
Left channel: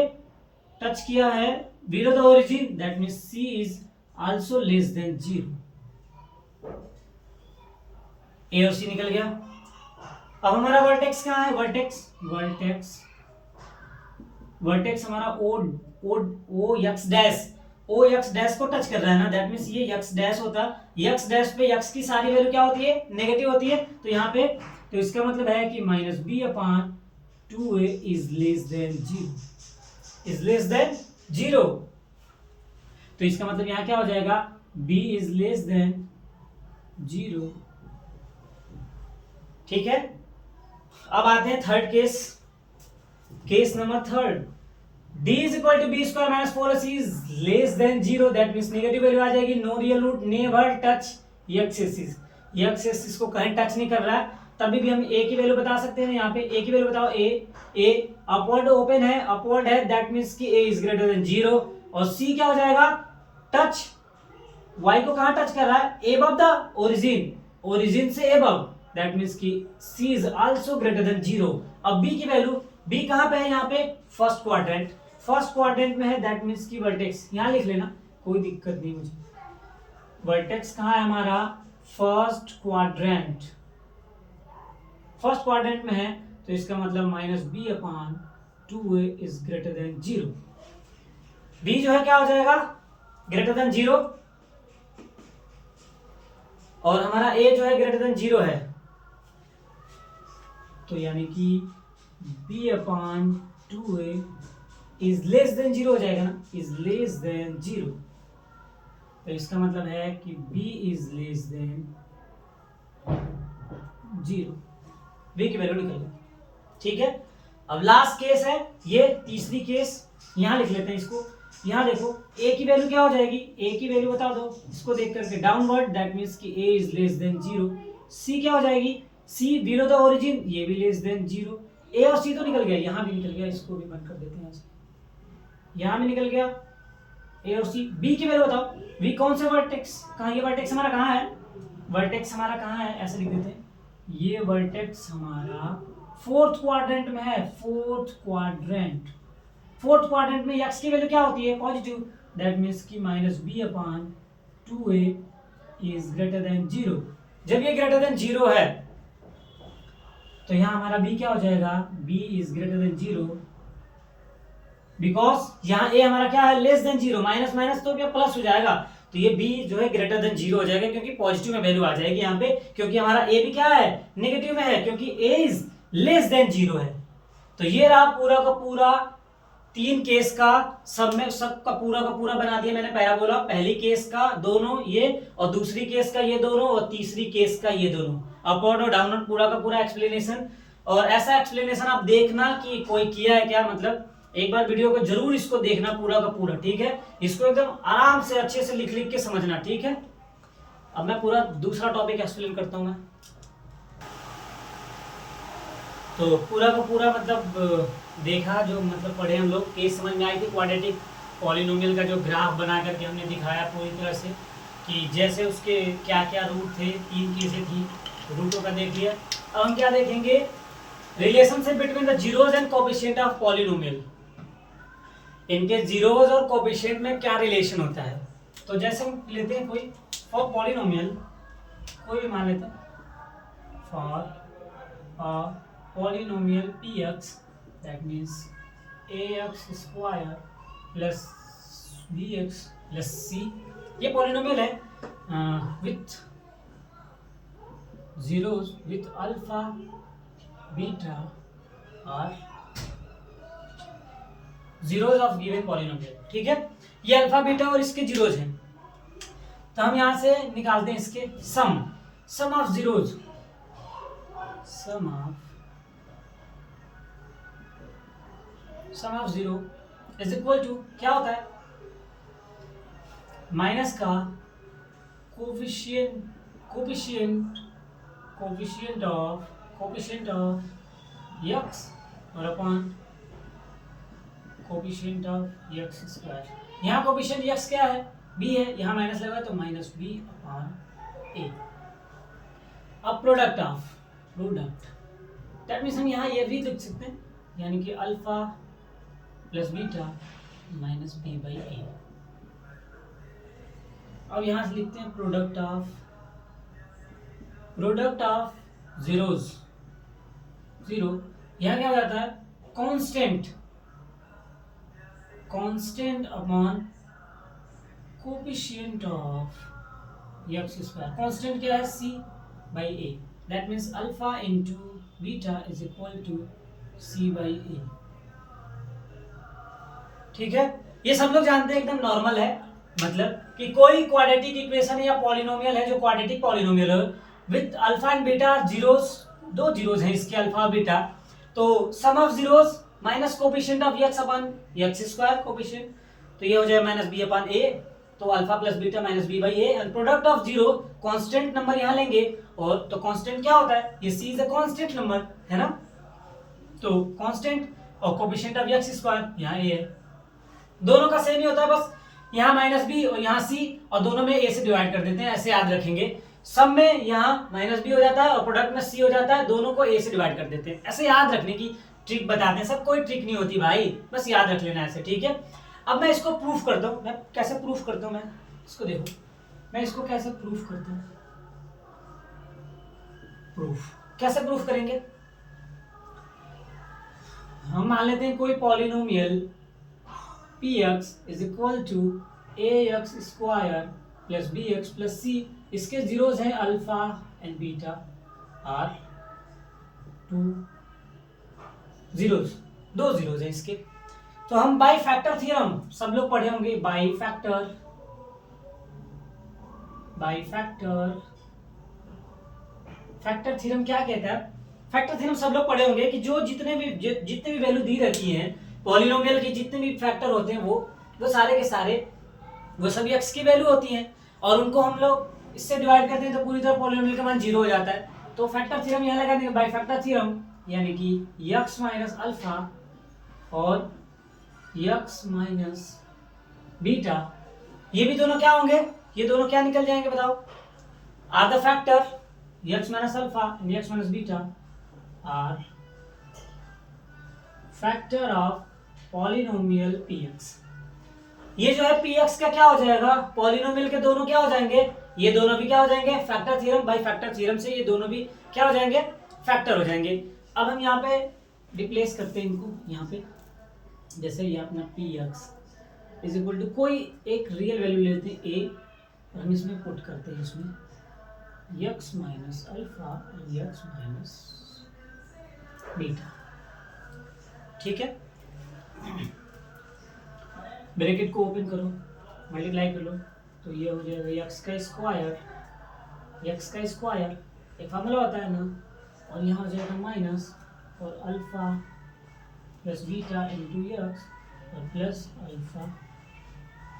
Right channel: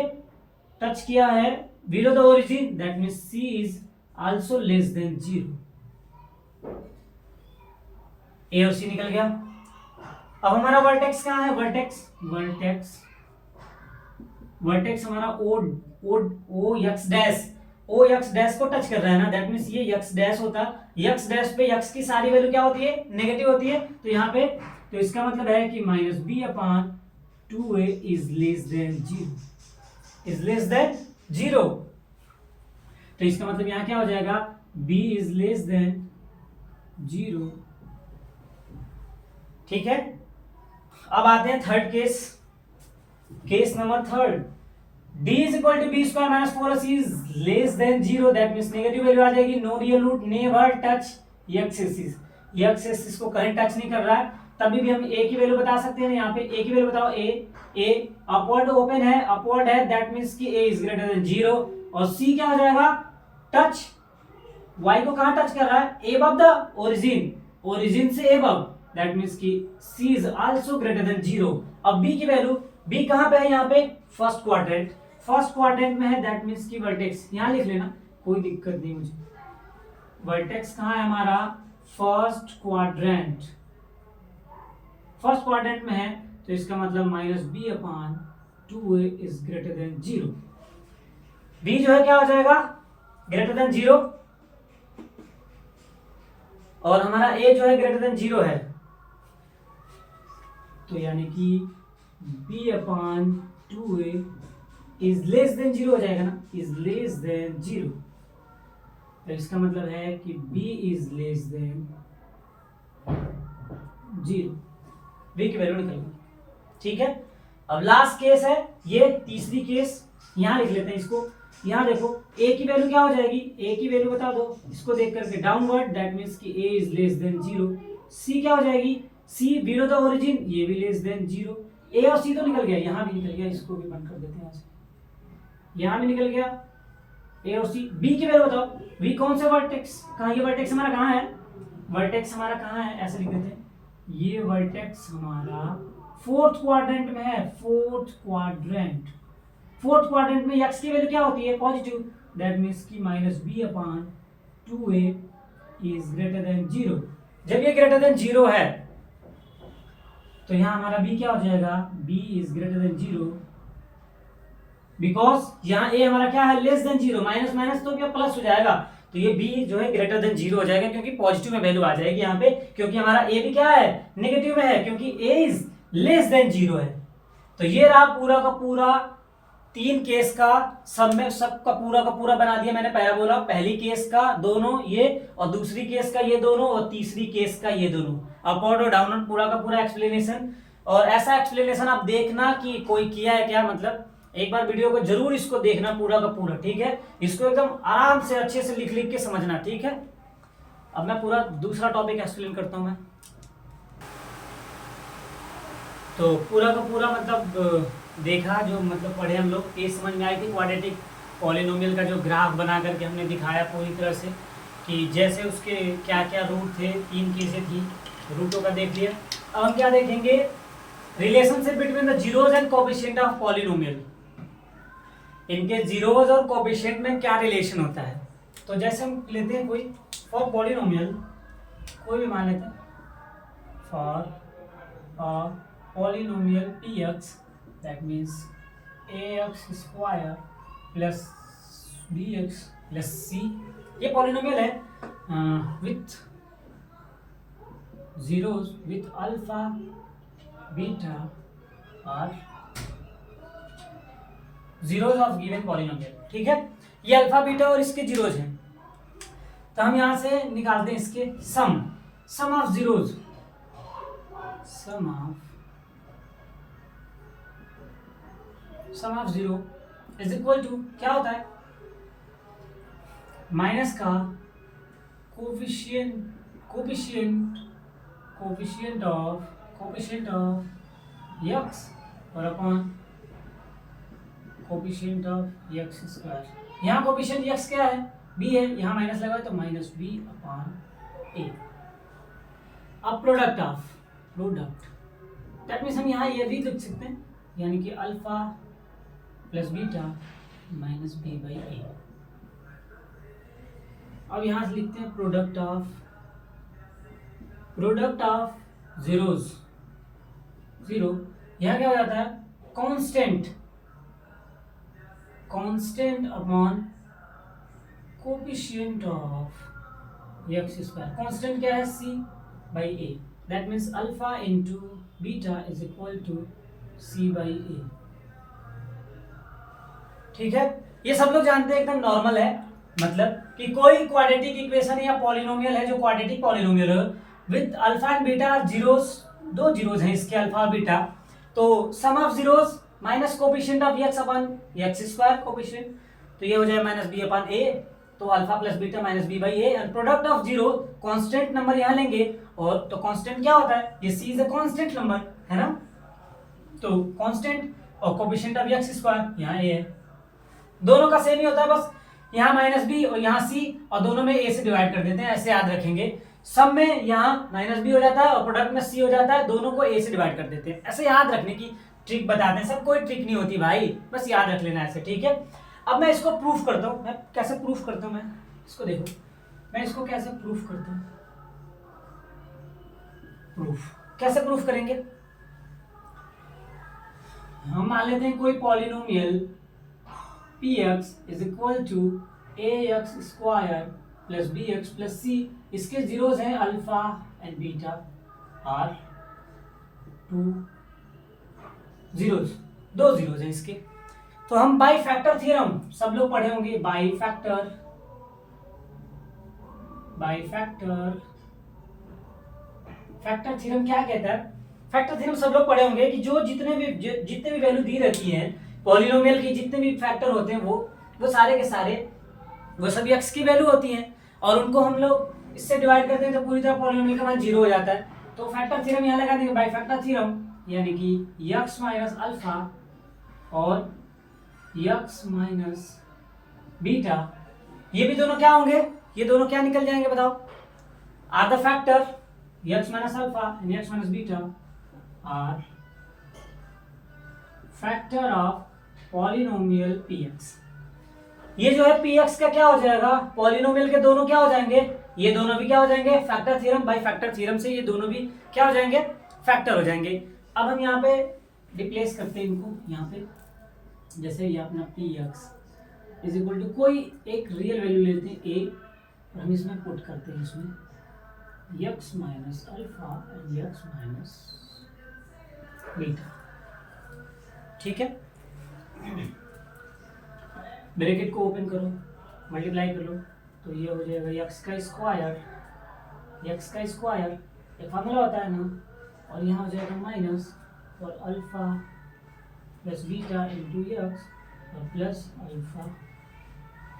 टच किया है below the origin, that means c is also less than 0। a और c निकल गया। अब हमारा वर्टेक्स कहाँ है, वर्टेक्स हमारा o x डैश को टच कर रहा है ना, दैट मीन्स ये x डैश होता, x डैश पे x की सारी वैल्यू क्या होती है, नेगेटिव होती है, तो यहाँ पे तो इसका मतलब है कि minus b upon 2a is less than 0, तो इसका मतलब यहाँ क्या हो जाएगा, b इज लेस देन 0। ठीक है, अब आते हैं third case number third, d is equal to b square minus 4ac is less than 0, that means negative value आ जाएगी, no real root, never touch x axis को कहीं टच नहीं कर रहा है, तभी भी हम a की वैल्यू बता सकते हैं। यहाँ पे a की वैल्यू बताओ, a अपवर्ड ओपन है, अपवर्ड है, दैट मीन्स कि a इज ग्रेटर देन 0, और c क्या हो जाएगा, टच y को कहाँ टच कर रहा है, above द ओरिजिन से above, दैट मीन्स कि c is also greater than 0। अब b की वैल्यू, b कहाँ पे है, यहाँ पे फर्स्ट क्वाड्रेंट में है, दैट मीन्स की वर्टेक्स यहाँ लिख लेना, कोई दिक्कत नहीं मुझे। वर्टेक्स कहाँ है हमारा, फर्स्ट क्वाड्रेंट में है, तो इसका मतलब minus b upon 2a is greater than 0। b जो है क्या हो जाएगा, ग्रेटर देन 0, और हमारा a जो है ग्रेटर देन 0 है, तो यानी कि b upon 2a is less than 0 हो जाएगा ना, इज लेस देन 0, तो इसका मतलब है कि b is less than 0, b की वैल्यू निकल गई। ठीक है, अब लास्ट केस है ये, तीसरी केस, यहां लिख लेते हैं इसको। यहाँ देखो a की वैल्यू क्या हो जाएगी, a की वैल्यू बता दो इसको देख करके, डाउनवर्ड, दैट मीन्स कि a is less than 0। c क्या हो जाएगी, c बिलो द ओरिजिन, ये भी लेस देन 0। a और c तो निकल गया, यहाँ भी निकल गया, इसको भी बंद कर देते हैं, यहाँ से यहाँ भी निकल गया a और c। b की वैल्यू बताओ, b कौन सा वर्टेक्स, कहाँ ये वर्टेक्स हमारा कहाँ है, वर्टेक्स हमारा कहाँ है, ऐसे लिख देते हैं, ये वर्टेक्स हमारा फोर्थ क्वाड्रेंट में है, फोर्थ क्वाड्रेंट में एक्स की वैल्यू क्या होती है, पॉजिटिव, दैट मीन्स की minus b upon 2a is greater than 0। जब ये ग्रेटर देन 0 है तो यहां हमारा b क्या हो जाएगा, b is greater than 0, because यहाँ a हमारा क्या है, लेस देन 0, माइनस माइनस तो क्या प्लस हो जाएगा, तो ये b जो है ग्रेटर देन 0 हो जाएगा, क्योंकि पॉजिटिव में वैल्यू आ जाएगी यहाँ पे, क्योंकि हमारा a भी क्या है, नेगेटिव में है, क्योंकि a इज लेस देन 0 है। तो ये रहा पूरा का पूरा 3 केस का, सब में सब का पूरा बना दिया मैंने। पहला बोला पहली केस का दोनों ये, और दूसरी केस का ये दोनों, और तीसरी केस का ये दोनों, अपवर्ड और डाउनवर्ड पूरा का पूरा एक्सप्लेनेशन। और ऐसा एक्सप्लेनेशन आप देखना कि कोई किया है क्या, मतलब एक बार वीडियो को जरूर इसको देखना पूरा का पूरा, ठीक है, इसको एकदम आराम से अच्छे से लिख लिख के समझना, ठीक है। अब मैं पूरा दूसरा टॉपिक एक्सप्लेन करता हूँ मैं। तो पूरा का पूरा मतलब देखा, जो मतलब पढ़े हम लोग, ये समझ में आई थी क्वाड्रेटिक पॉलिनोमियल का जो ग्राफ बना करके हमने दिखाया पूरी तरह से, कि जैसे उसके क्या क्या रूट थे, 3 केसें थी, रूटों का देख लिया। अब हम क्या देखेंगे, relationship between the zeros and coefficient of polynomial. इनके जीरोज और कोएफिशिएंट में क्या रिलेशन होता है। तो जैसे हम लेते हैं कोई फॉर पॉलिनोमियल, कोई भी मान लेते हैं, for polynomial px, that means ax square plus bx plus c, ये पॉलिनोमियल है with zeros with alpha beta और जीरोज ऑफ गिवन पॉलिनोमियल, ठीक है। ये अल्फा बीटा और इसके जीरोज हैं, तो हम यहां से निकालते हैं इसके sum of zeros, sum of zero is equal to क्या होता है, माइनस का कोफिशिएंट ऑफ यक्स और upon coefficient of x square. यहाँ कोफिशिएंट यक्स क्या है, b है, यहाँ माइनस लगा तो माइनस b अपॉन a। अब प्रोडक्ट दैट मीन्स हम यहाँ ये भी लिख सकते हैं, यानी कि alpha plus beta minus b by a. अब यहां से लिखते हैं प्रोडक्ट ऑफ जीरोज, जीरो, यहां क्या हो जाता है, constant upon coefficient of x square. Constant क्या है, c by a, that means alpha into beta is equal to c by a, ठीक है। ये सब लोग जानते हैं, एकदम नॉर्मल है, मतलब कि कोई क्वाड्रेटिक इक्वेशन या पॉलिनोमियल है जो क्वाड्रेटिक पॉलिनोमियल है with alpha and beta zeros, 2 zeros हैं इसके, अल्फा और बीटा, तो sum of zeros minus coefficient of x upon x square coefficient, तो ये हो जाए माइनस बी अपॉन ए, तो alpha plus beta minus b by a, and product of zero, constant number यहाँ लेंगे, और तो कांस्टेंट क्या होता है, ये c is a constant number है ना, तो कांस्टेंट और कोएफिशिएंट ऑफ एक्स स्क्वायर यहाँ ए है, दोनों का सेम ही होता है, बस यहाँ माइनस बी और यहाँ सी, और दोनों में ए से डिवाइड कर देते हैं, ऐसे याद रखेंगे। सब में यहाँ माइनस बी हो जाता है और प्रोडक्ट में सी हो जाता है, दोनों को ए से डिवाइड कर देते हैं, ऐसे याद रखने की ट्रिक बताते हैं, सब कोई ट्रिक नहीं होती भाई, बस याद रख लेना ऐसे, ठीक है। अब मैं इसको प्रूफ करता हूँ, मैं कैसे प्रूफ करता हूँ, मैं इसको देखो, मैं इसको कैसे प्रूफ करता हूँ, कैसे प्रूफ करेंगे, हम मान लेते हैं कोई polynomial px is equal to ax square plus bx plus c, इसके जीरोज हैं alpha and beta are 2 zeros, 2 zeros हैं इसके। तो हम बाई फैक्टर थ्योरम सब लोग पढ़े होंगे, बाई फैक्टर थ्योरम क्या कहता है, फैक्टर थ्योरम सब लोग पढ़े होंगे कि जो जितने भी वैल्यू दी रहती है पॉलिनोमियल की, जितने भी फैक्टर होते हैं वो सारे के सारे वो सभी x की वैल्यू होती हैं, और उनको हम लोग इससे डिवाइड करते हैं तो पूरी तरह पॉलिनोमियल का मान 0 हो जाता है। तो फैक्टर थ्योरम यहाँ लगा देंगे, बाई फैक्टर थ्योरम, यानी कि x माइनस अल्फा और x माइनस बीटा, ये भी दोनों क्या होंगे, ये दोनों क्या निकल जाएंगे बताओ, are the factor x minus alpha and x minus beta are factor of polynomial px। ये जो है px का क्या हो जाएगा, पॉलिनोमियल के दोनों क्या हो जाएंगे, ये दोनों भी क्या हो जाएंगे, factor theorem, by factor theorem से ये दोनों भी क्या हो जाएंगे, फैक्टर हो जाएंगे। अब हम यहाँ पे रिप्लेस करते हैं इनको, यहाँ पे जैसे ये अपना px इज इक्वल टू कोई एक रियल वैल्यू लेते हैं a, और हम इसमें पुट करते हैं इसमें x minus alpha and x minus beta. ठीक है, ब्रैकेट को ओपन करो, मल्टीप्लाई कर लो, तो ये हो जाएगा x का स्क्वायर, एक फार्मूला होता है ना, और यहाँ हो जाएगा माइनस और alpha plus beta into x और प्लस अल्फा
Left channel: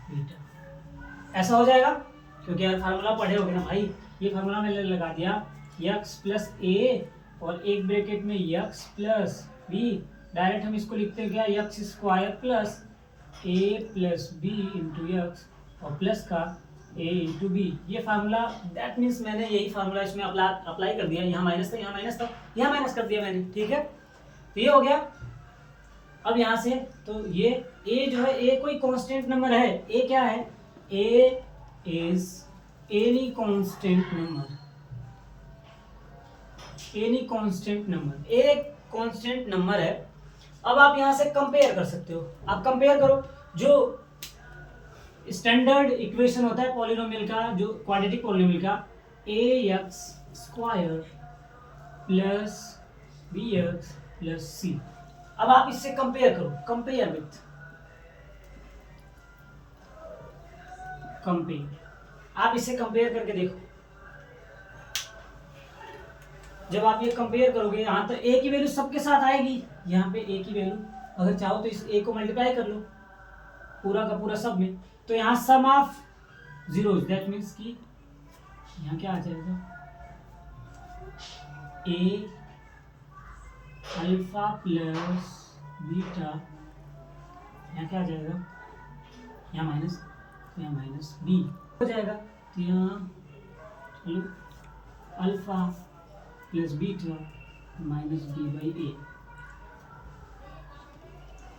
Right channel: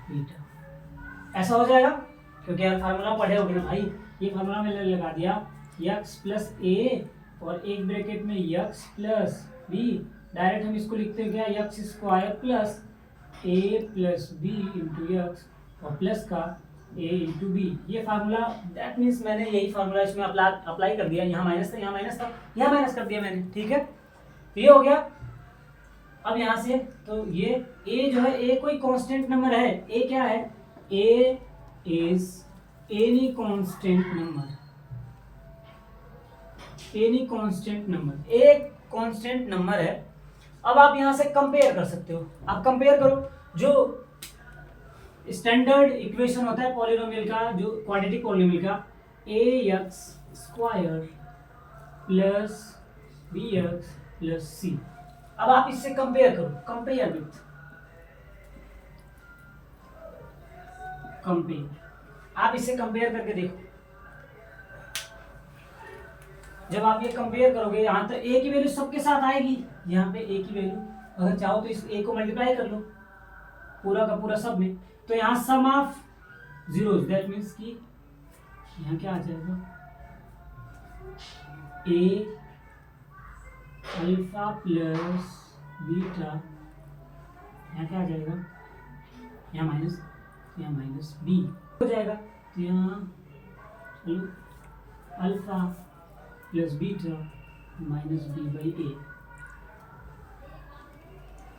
बीटा। ऐसा हो जाएगा क्योंकि यार फार्मूला पढ़े होगे ना भाई, ये फार्मूला मैंने लगा दिया x प्लस ए और एक ब्रैकेट में x प्लस बी, डायरेक्ट हम इसको लिखते हैं क्या, एक्स स्क्वायर प्लस ए प्लस बी इंटू एक्स और प्लस का ए इंटू बी। ये फार्मूला, दैट मीन्स मैंने यही फार्मूला इसमें अप्लाई कर दिया, यहाँ माइनस था, यहाँ माइनस था, यहाँ माइनस कर दिया मैंने। ठीक है, तो ये हो गया। अब यहाँ से तो ये a जो है, a कोई कांस्टेंट नंबर है, a क्या है, a is any constant number, any constant number, एक कांस्टेंट नंबर है। अब आप यहाँ से कंपेयर कर सकते हो, आप कंपेयर करो, जो स्टैंडर्ड इक्वेशन होता है पॉलिनोमियल का, जो क्वाड्रेटिक पॉलिनोमियल का, ax square plus bx plus c। अब आप इससे कंपेयर करो, कंपेयर विथ, कंपेयर, आप इससे कंपेयर करके देखो। जब आप ये कंपेयर करोगे, यहाँ तो a की वैल्यू सबके साथ आएगी, यहाँ पे a की वैल्यू, अगर चाहो तो इस a को मल्टीप्लाई कर लो पूरा का पूरा सब में, तो यहाँ सम ऑफ जीरोस, दैट मीन्स कि यहाँ क्या आ जाएगा, a अल्फा प्लस बीटा, यहाँ क्या आ जाएगा, यहाँ माइनस बी हो जाएगा, तो यहाँ alpha plus beta minus b by a.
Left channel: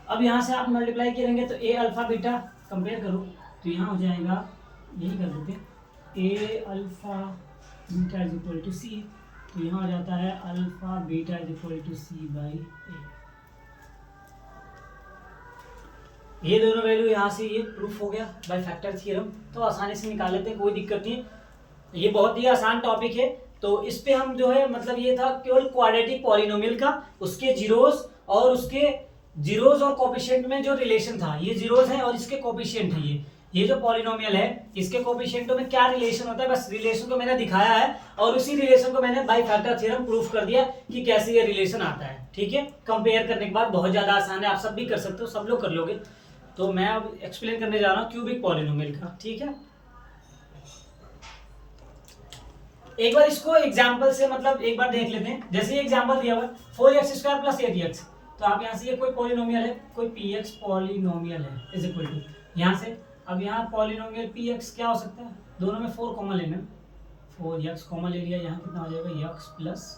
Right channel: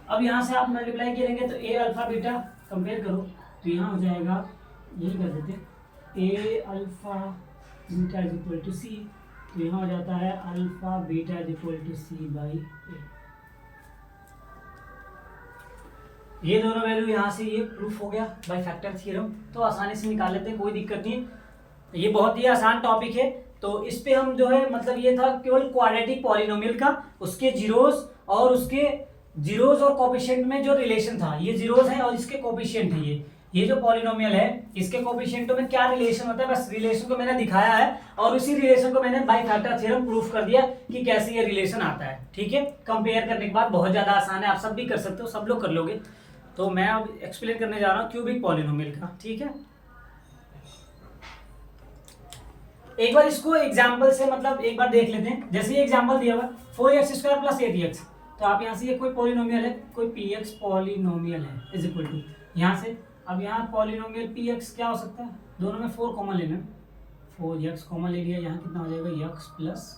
अब यहाँ से आप मल्टीप्लाई करेंगे तो ए अल्फा बीटा कंपेयर करो, तो यहाँ हो जाएगा, यही कर देते, a alpha beta is equal to c, तो यहाँ हो जाता है alpha beta is equal to c by a. ये दोनों वैल्यू यहाँ से ये प्रूफ हो गया बाय फैक्टर थ्योरम, तो आसानी से निकाल लेते हैं, कोई दिक्कत नहीं। ये बहुत ही आसान टॉपिक है, तो इस पे हम जो है, मतलब ये था केवल क्वाड्रेटिक पॉलिनोमियल का, उसके जीरोस और उसके जीरोस और कोफिशिएंट में जो रिलेशन था, ये जीरोस है और इसके कोफिशिएंट है, ये जो पॉलिनोमियल है इसके कोफिशिएंटों में क्या रिलेशन होता है, बस रिलेशन को मैंने दिखाया है, और उसी रिलेशन को मैंने बाय फैक्टर थ्योरम प्रूफ कर दिया कि कैसे ये रिलेशन आता है। ठीक है, कंपेयर करने के बाद बहुत ज्यादा आसान है, आप सब भी कर सकते हो, सब लोग कर लोगे। तो मैं अब एक्सप्लेन करने जा रहा हूँ क्यूबिक पॉलिनोमियल का। ठीक है, एक बार इसको एग्जाम्पल से मतलब एक बार देख लेते हैं। जैसे ये एग्जाम्पल दिया हुआ 4x स्क्वायर प्लस 8x, तो आप यहाँ से ये कोई पॉलिनोमियल है, कोई px पॉलिनोमियल है इज इक्वल टू, यहाँ से अब यहाँ पॉलिनोमियल px क्या हो सकता है, दोनों में 4 कॉमन लेना, 4x कॉमन ले लिया, यहाँ कितना हो जाएगा x प्लस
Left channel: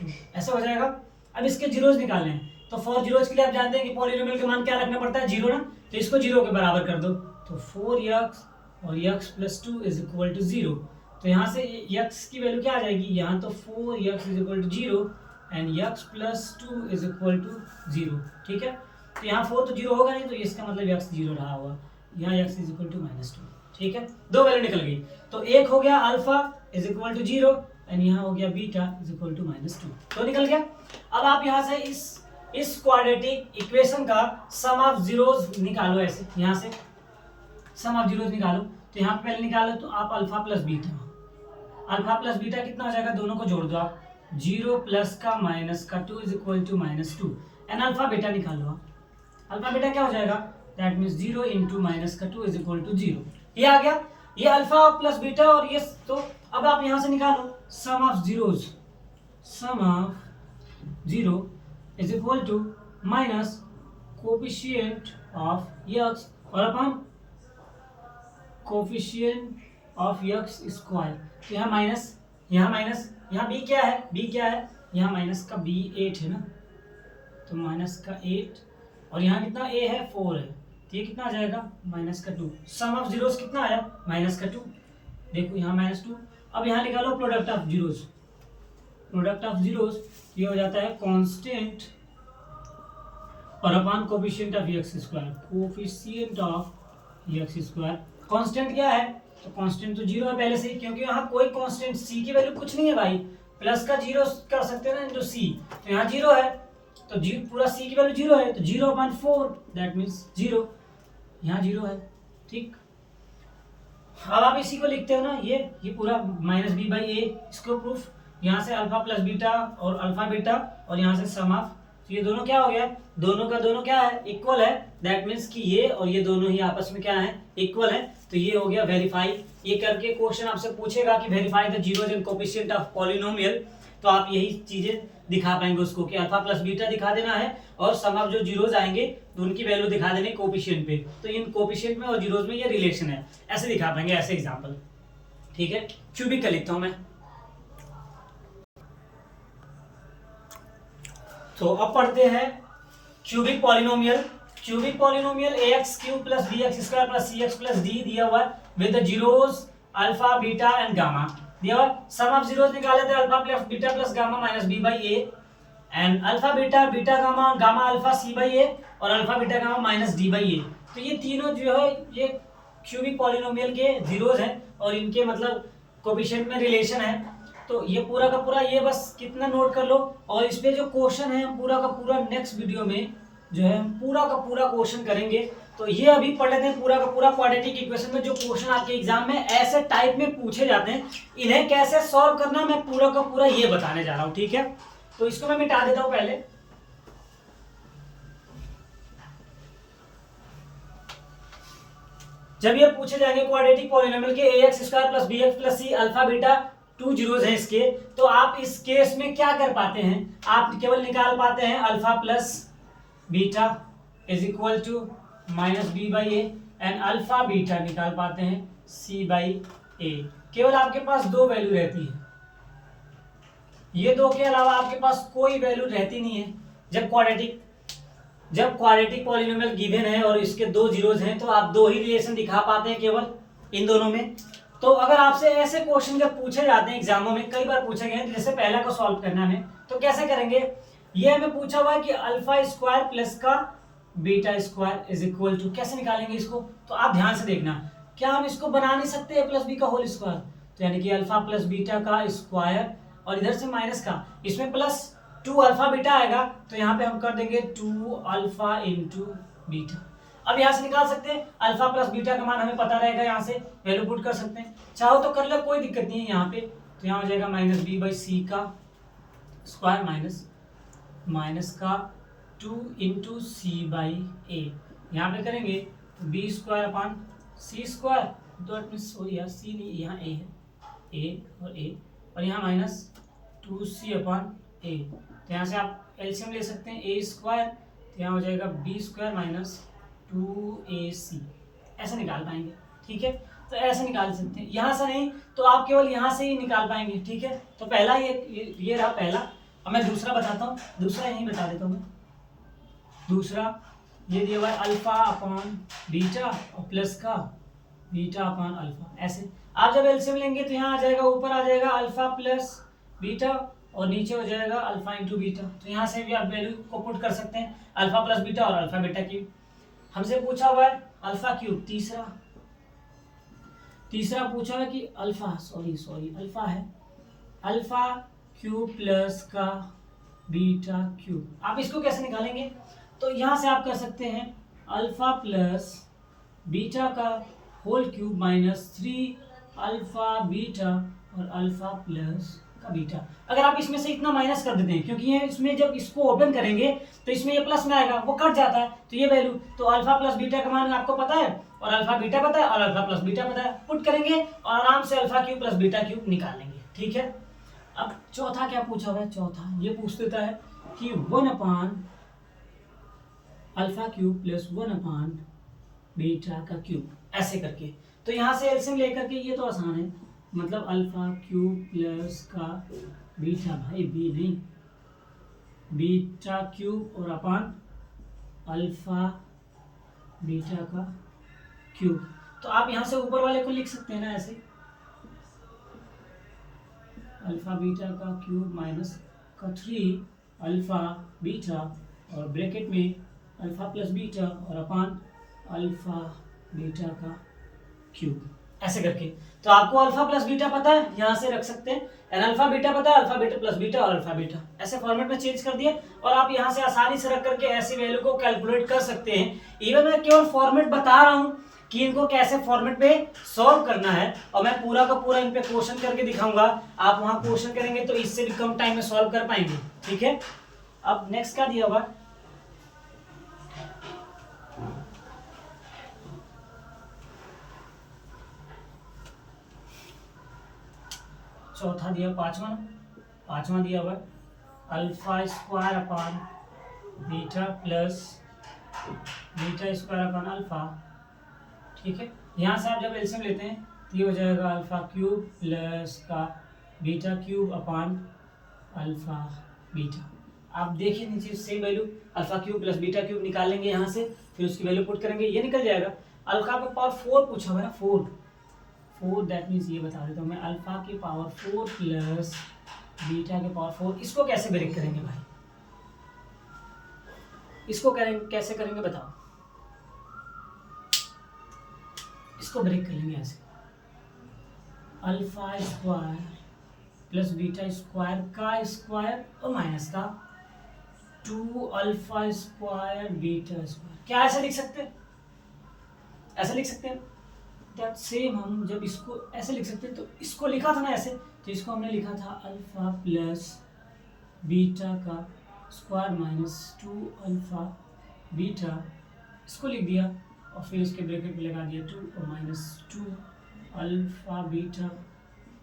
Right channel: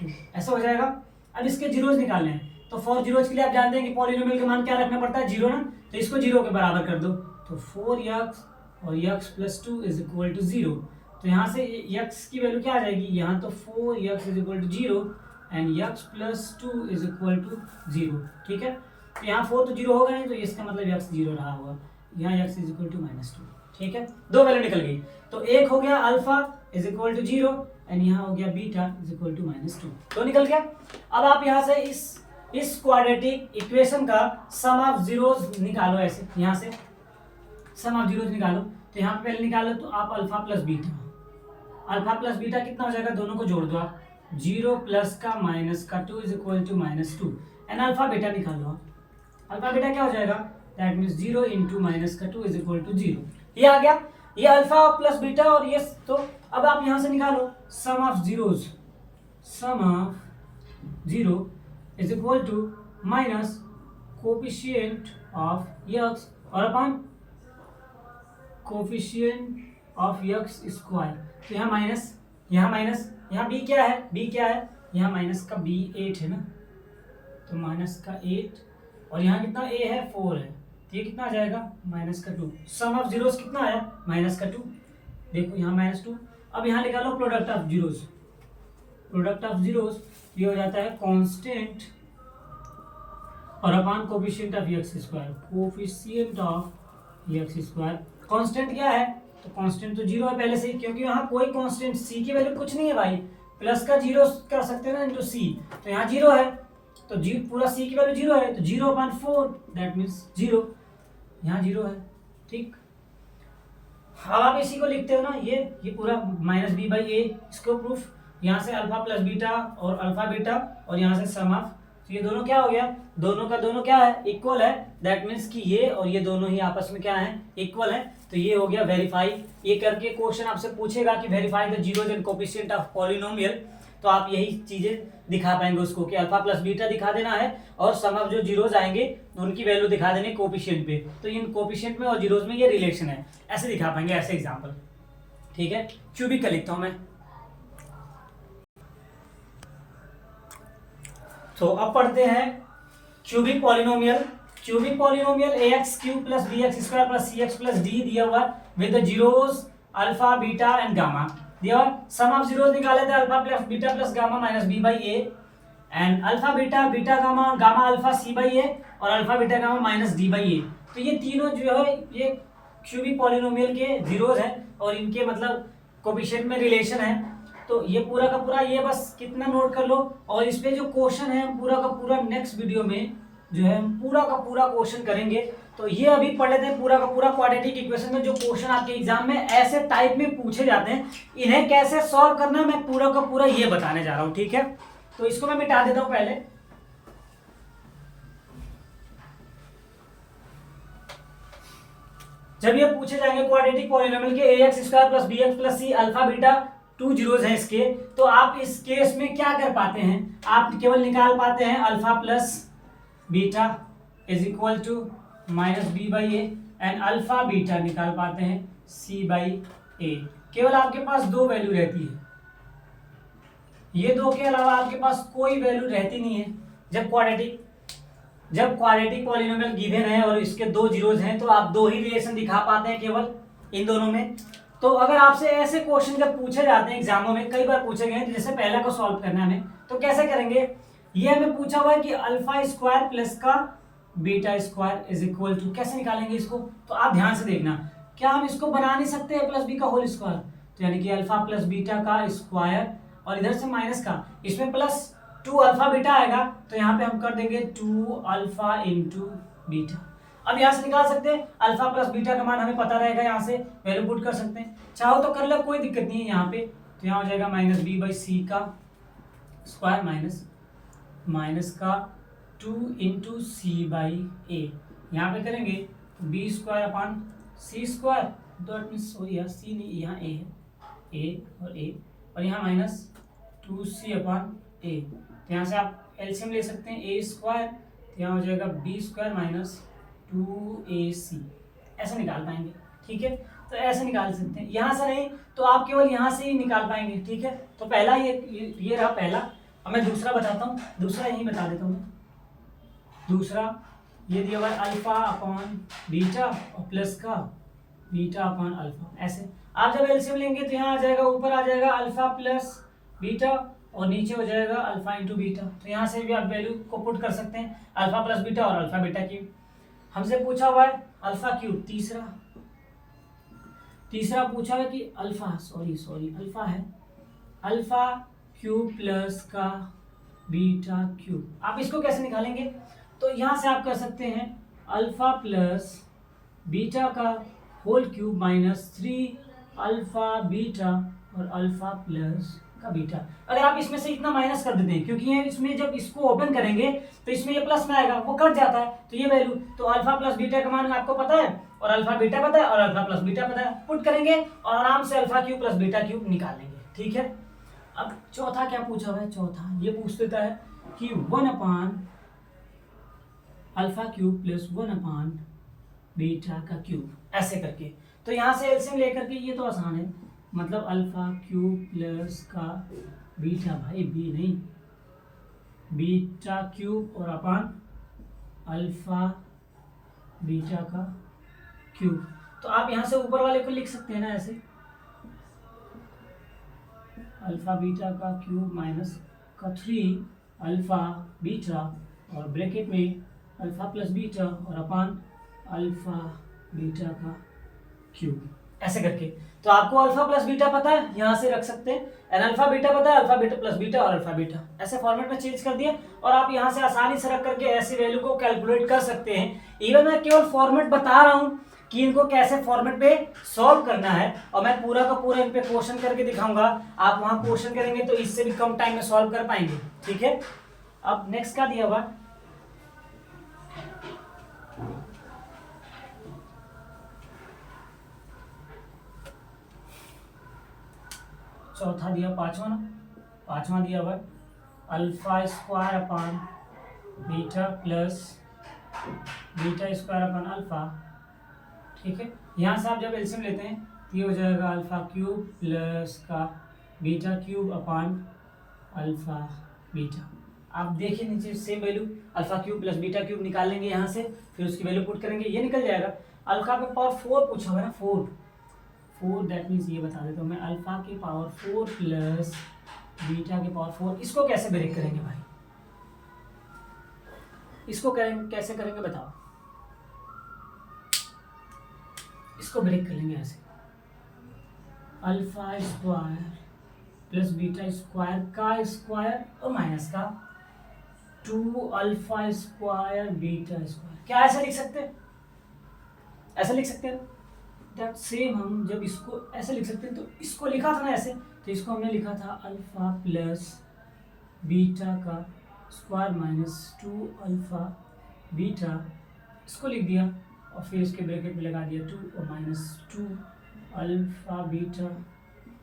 2, ऐसा हो जाएगा। अब इसके जीरोज निकालने हैं, तो 4 जीरोज के लिए आप जानते हैं कि पॉलिनोमियल के मान क्या रखना पड़ता है, जीरो ना, तो इसको जीरो के बराबर कर दो, तो 4x और x plus 2 is equal to 0। तो यहाँ से x की वैल्यू क्या आ जाएगी, यहाँ तो 4x is equal to 0 and x plus 2 is equal to 0। ठीक है, तो यहाँ 4 तो 0 होगा नहीं, तो इसका मतलब x 0 रहा होगा, यहाँ x इज इक्वल टू -2। ठीक है, दो वैल्यू निकल गई, तो एक हो गया alpha is equal to 0 and यहाँ हो गया बीटा इज इक्वल टू -2, तो निकल गया। अब आप यहाँ से इस क्वाड्रेटिक इक्वेशन का सम ऑफ जीरोस निकालो, ऐसे यहाँ से सम ऑफ जीरोस निकालो, तो यहाँ पे पहले निकालो तो आप अल्फा प्लस बीटा कितना हो जाएगा, दोनों को जोड़ दो आप, 0 प्लस का माइनस का 2 is equal to -2 and alpha beta निकालो आप, अल्फा बीटा क्या हो जाएगा, दैट मीन्स 0 इंटू माइनस का 2 इज इक्वल टू 0। ये आ गया, ये अल्फा प्लस बीटा और ये, तो अब आप यहाँ से निकालो sum of zeros, sum of 0 is equal to minus coefficient of x और upon coefficient of x square. तो यहाँ माइनस, यहाँ बी क्या है, यहाँ माइनस का बी 8 है ना, तो माइनस का 8, और यहाँ कितना ए है 4 है, तो ये कितना आ जाएगा माइनस का 2। सम ऑफ जीरोस कितना आया माइनस का 2। देखो यहाँ -2। अब यहाँ निकालो प्रोडक्ट ऑफ जीरोस, ये हो जाता है कांस्टेंट और upon coefficient of x square. Constant क्या है, तो कांस्टेंट तो 0 है पहले से ही, क्योंकि यहाँ कोई कांस्टेंट सी की वैल्यू कुछ नहीं है भाई, प्लस का 0 कर सकते हैं ना इंटू सी, तो यहाँ 0 है, तो जी पूरा सी की वैल्यू 0 है, तो 0/4 दैट मीन्स 0, यहाँ 0 है। ठीक, अब आप इसी को लिखते हो ना, ये पूरा -b/a, इसको प्रूफ, यहाँ से अल्फा प्लस बीटा और अल्फा बीटा, और यहाँ से सम ऑफ, तो ये दोनों क्या हो गया, दोनों का दोनों क्या है इक्वल है, दैट मीन्स कि ये और ये दोनों ही आपस में क्या है इक्वल है, तो ये हो गया वेरीफाई। ये करके क्वेश्चन आपसे पूछेगा कि verify the zeros and coefficient of polynomial, तो आप यही चीजें दिखा पाएंगे उसको कि अल्फा प्लस बीटा दिखा देना है, और सम ऑफ जो जीरोस आएंगे उनकी वैल्यू दिखा देनी कोफिशिएंट पे, तो इन कोफिशिएंट में और जीरोस में ये रिलेशन है, ऐसे दिखा पाएंगे, ऐसे एग्जांपल। ठीक है, क्यूबिक का लिखता हूं मैं। तो अब पढ़ते हैं cubic polynomial. ax³ + bx² + cx + d दिया हुआ with the zeros alpha beta and gamma दिया हुआ। सम ऑफ जीरोस निकाले थे alpha plus beta plus gamma -b/a, and alpha beta beta gamma gamma alpha c/a, और अल्फा बीटा गामा -d/a। तो ये तीनों जो है ये क्यूबिक पॉलिनोमियल के जीरोस हैं, और इनके मतलब कोफिशिएंट में रिलेशन है। तो ये पूरा का पूरा ये बस कितना नोट कर लो, और इस पे जो क्वेश्चन है पूरा का पूरा नेक्स्ट वीडियो में जो है पूरा का पूरा क्वेश्चन करेंगे। तो ये अभी पढ़ लेते हैं पूरा का पूरा क्वाड्रेटिक इक्वेशन में जो क्वेश्चन आपके एग्जाम में ऐसे टाइप में पूछे जाते हैं, इन्हें कैसे सॉल्व करना मैं पूरा का पूरा ये बताने जा रहा हूँ। ठीक है, तो इसको मैं मिटा देता हूँ पहले। जब ये पूछे जाएंगे क्वाड्रेटिक पॉलिनोमियल के ax² + bx + c alpha beta 2 zeros हैं इसके, तो आप इस केस में क्या कर पाते हैं, आप केवल निकाल पाते हैं alpha plus beta = -b/a, and alpha beta निकाल पाते हैं c/a। केवल आपके पास दो वैल्यू रहती है, ये दो के अलावा आपके पास कोई वैल्यू रहती नहीं है। जब क्वाड्रेटिक पॉलिनोमियल गिवन है और इसके दो जीरोस हैं, तो आप दो ही रिलेशन दिखा पाते हैं केवल इन दोनों में। तो अगर आपसे ऐसे क्वेश्चन जब पूछे जाते हैं एग्जामों में, कई बार पूछे गए, जैसे पहले को सॉल्व करना है हमें, तो कैसे करेंगे, ये हमें पूछा हुआ है कि अल्फा स्क्वायर प्लस का बीटा स्क्वायर = कैसे निकालेंगे इसको, तो आप ध्यान से देखना, क्या हम इसको बना नहीं सकते a+b का होल स्क्वायर, तो यानी कि अल्फा प्लस बीटा का स्क्वायर, और इधर से माइनस का, इसमें +2 अल्फा बीटा आएगा, तो यहाँ पे हम कर देंगे 2 अल्फा × बीटा। अब यहाँ से निकाल सकते हैं अल्फा प्लस बीटा का मान हमें पता रहेगा, यहाँ से वैल्यू पुट कर सकते हैं, चाहो तो कर लो, कोई दिक्कत नहीं है यहाँ पे। तो यहाँ हो जाएगा -b/c का स्क्वायर माइनस का 2 × c/a, यहाँ पे करेंगे b²/c², तो सॉरी यार c नहीं, यहाँ a है, और यहाँ -2c/a, तो यहाँ से आप एलसीएम ले सकते हैं a², तो यहाँ हो जाएगा b² - 2ac, ऐसे निकाल पाएंगे। ठीक है, तो ऐसे निकाल सकते हैं, यहाँ से नहीं तो आप केवल यहाँ से ही निकाल पाएंगे। ठीक है, तो पहला ये रहा पहला। अब मैं दूसरा बताता हूँ, दूसरा यही बता देता हूँ। दूसरा ये दिया हुआ है अल्फा/बीटा और प्लस का बीटा/अल्फा, ऐसे आप जब एलसीएम लेंगे तो यहाँ आ जाएगा, ऊपर आ जाएगा अल्फा प्लस बीटा और नीचे हो जाएगा अल्फा × बीटा। तो यहाँ से भी आप वैल्यू को पुट कर सकते हैं, अल्फा प्लस बीटा और अल्फा बीटा क्यूब। हमसे पूछा हुआ है अल्फा क्यूब, तीसरा पूछा हुआ है कि अल्फा अल्फा है, अल्फा क्यूब प्लस का बीटा क्यूब। आप इसको कैसे निकालेंगे, तो यहाँ से आप कर सकते हैं अल्फा प्लस बीटा का होल क्यूब -3 अल्फा बीटा और अल्फा प्लस का बीटा। अगर आप इसमें से इतना माइनस कर देते हैं, क्योंकि ये इसमें जब इसको ओपन करेंगे तो इसमें ये प्लस में आएगा, वो कट जाता है, तो ये वैल्यू, तो अल्फा प्लस बीटा का मान आपको पता है, और अल्फा बीटा पता है, और अल्फा प्लस बीटा पता है, पुट करेंगे और आराम से alpha cube plus beta cube निकाल लेंगे। ठीक है, अब चौथा क्या पूछा हुआ है, चौथा ये पूछ देता है कि 1/α³ + 1/बीटा का क्यूब, ऐसे करके। तो यहाँ से एलसीएम लेकर के ये तो आसान है, मतलब अल्फा क्यूब प्लस का बीटा, भाई बी नहीं, बीटा क्यूब और अपान अल्फा बीटा का क्यूब। तो आप यहाँ से ऊपर वाले को लिख सकते हैं ना ऐसे, अल्फा बीटा का क्यूब माइनस का 3 अल्फा बीटा और ब्रैकेट में अल्फा प्लस बीटा और अपान अल्फा बीटा का क्यूब, ऐसे करके। तो आपको अल्फा प्लस बीटा पता है, यहाँ से रख सकते हैं, एन अल्फा बीटा पता है, अल्फा बीटा प्लस बीटा और अल्फा बीटा, ऐसे फॉर्मेट में चेंज कर दिए और आप यहाँ से आसानी से रख करके ऐसे वैल्यू को कैलकुलेट कर सकते हैं। इवन मैं केवल फॉर्मेट बता रहा हूँ कि इनको कैसे फॉर्मेट पे सॉल्व करना है, और मैं पूरा का पूरा इन पे क्वेश्चन करके दिखाऊंगा। आप वहां क्वेश्चन करेंगे तो इससे भी कम टाइम में सॉल्व कर पाएंगे, ठीक है। अब नेक्स्ट क्या दिया हुआ, चौथा दिया, पांचवा दिया हुआ alpha square upon beta plus beta square upon alpha, ठीक है। यहाँ से आप जब एलसीएम लेते हैं तो ये हो जाएगा अल्फा क्यूब प्लस का बीटा क्यूब अपान अल्फा बीटा। आप देखिए नीचे same value alpha cube plus beta cube निकाल लेंगे यहाँ से, फिर उसकी वैल्यू पुट करेंगे, ये निकल जाएगा। अल्फा पे पावर 4 पूछा हुआ है ना, 4 दैट मीन्स ये बता देता हूँ मैं, अल्फा की पावर 4 प्लस बीटा के पावर 4। इसको कैसे ब्रेक करेंगे भाई, इसको कैसे करेंगे बताओ, इसको ब्रेक कर लेंगे ऐसे, alpha square plus beta square का स्क्वायर और माइनस का 2 अल्फा स्क्वायर बीटा स्क्वायर। क्या ऐसे लिख सकते हैं, ऐसे लिख सकते हैं दैट सेम। हम जब इसको ऐसे लिख सकते हैं तो इसको लिखा था ना ऐसे, तो इसको हमने लिखा था अल्फा प्लस बीटा का स्क्वायर माइनस 2 अल्फा बीटा, इसको लिख दिया और फिर इसके ब्रैकेट में लगा दिया 2 और माइनस 2 अल्फा बीटा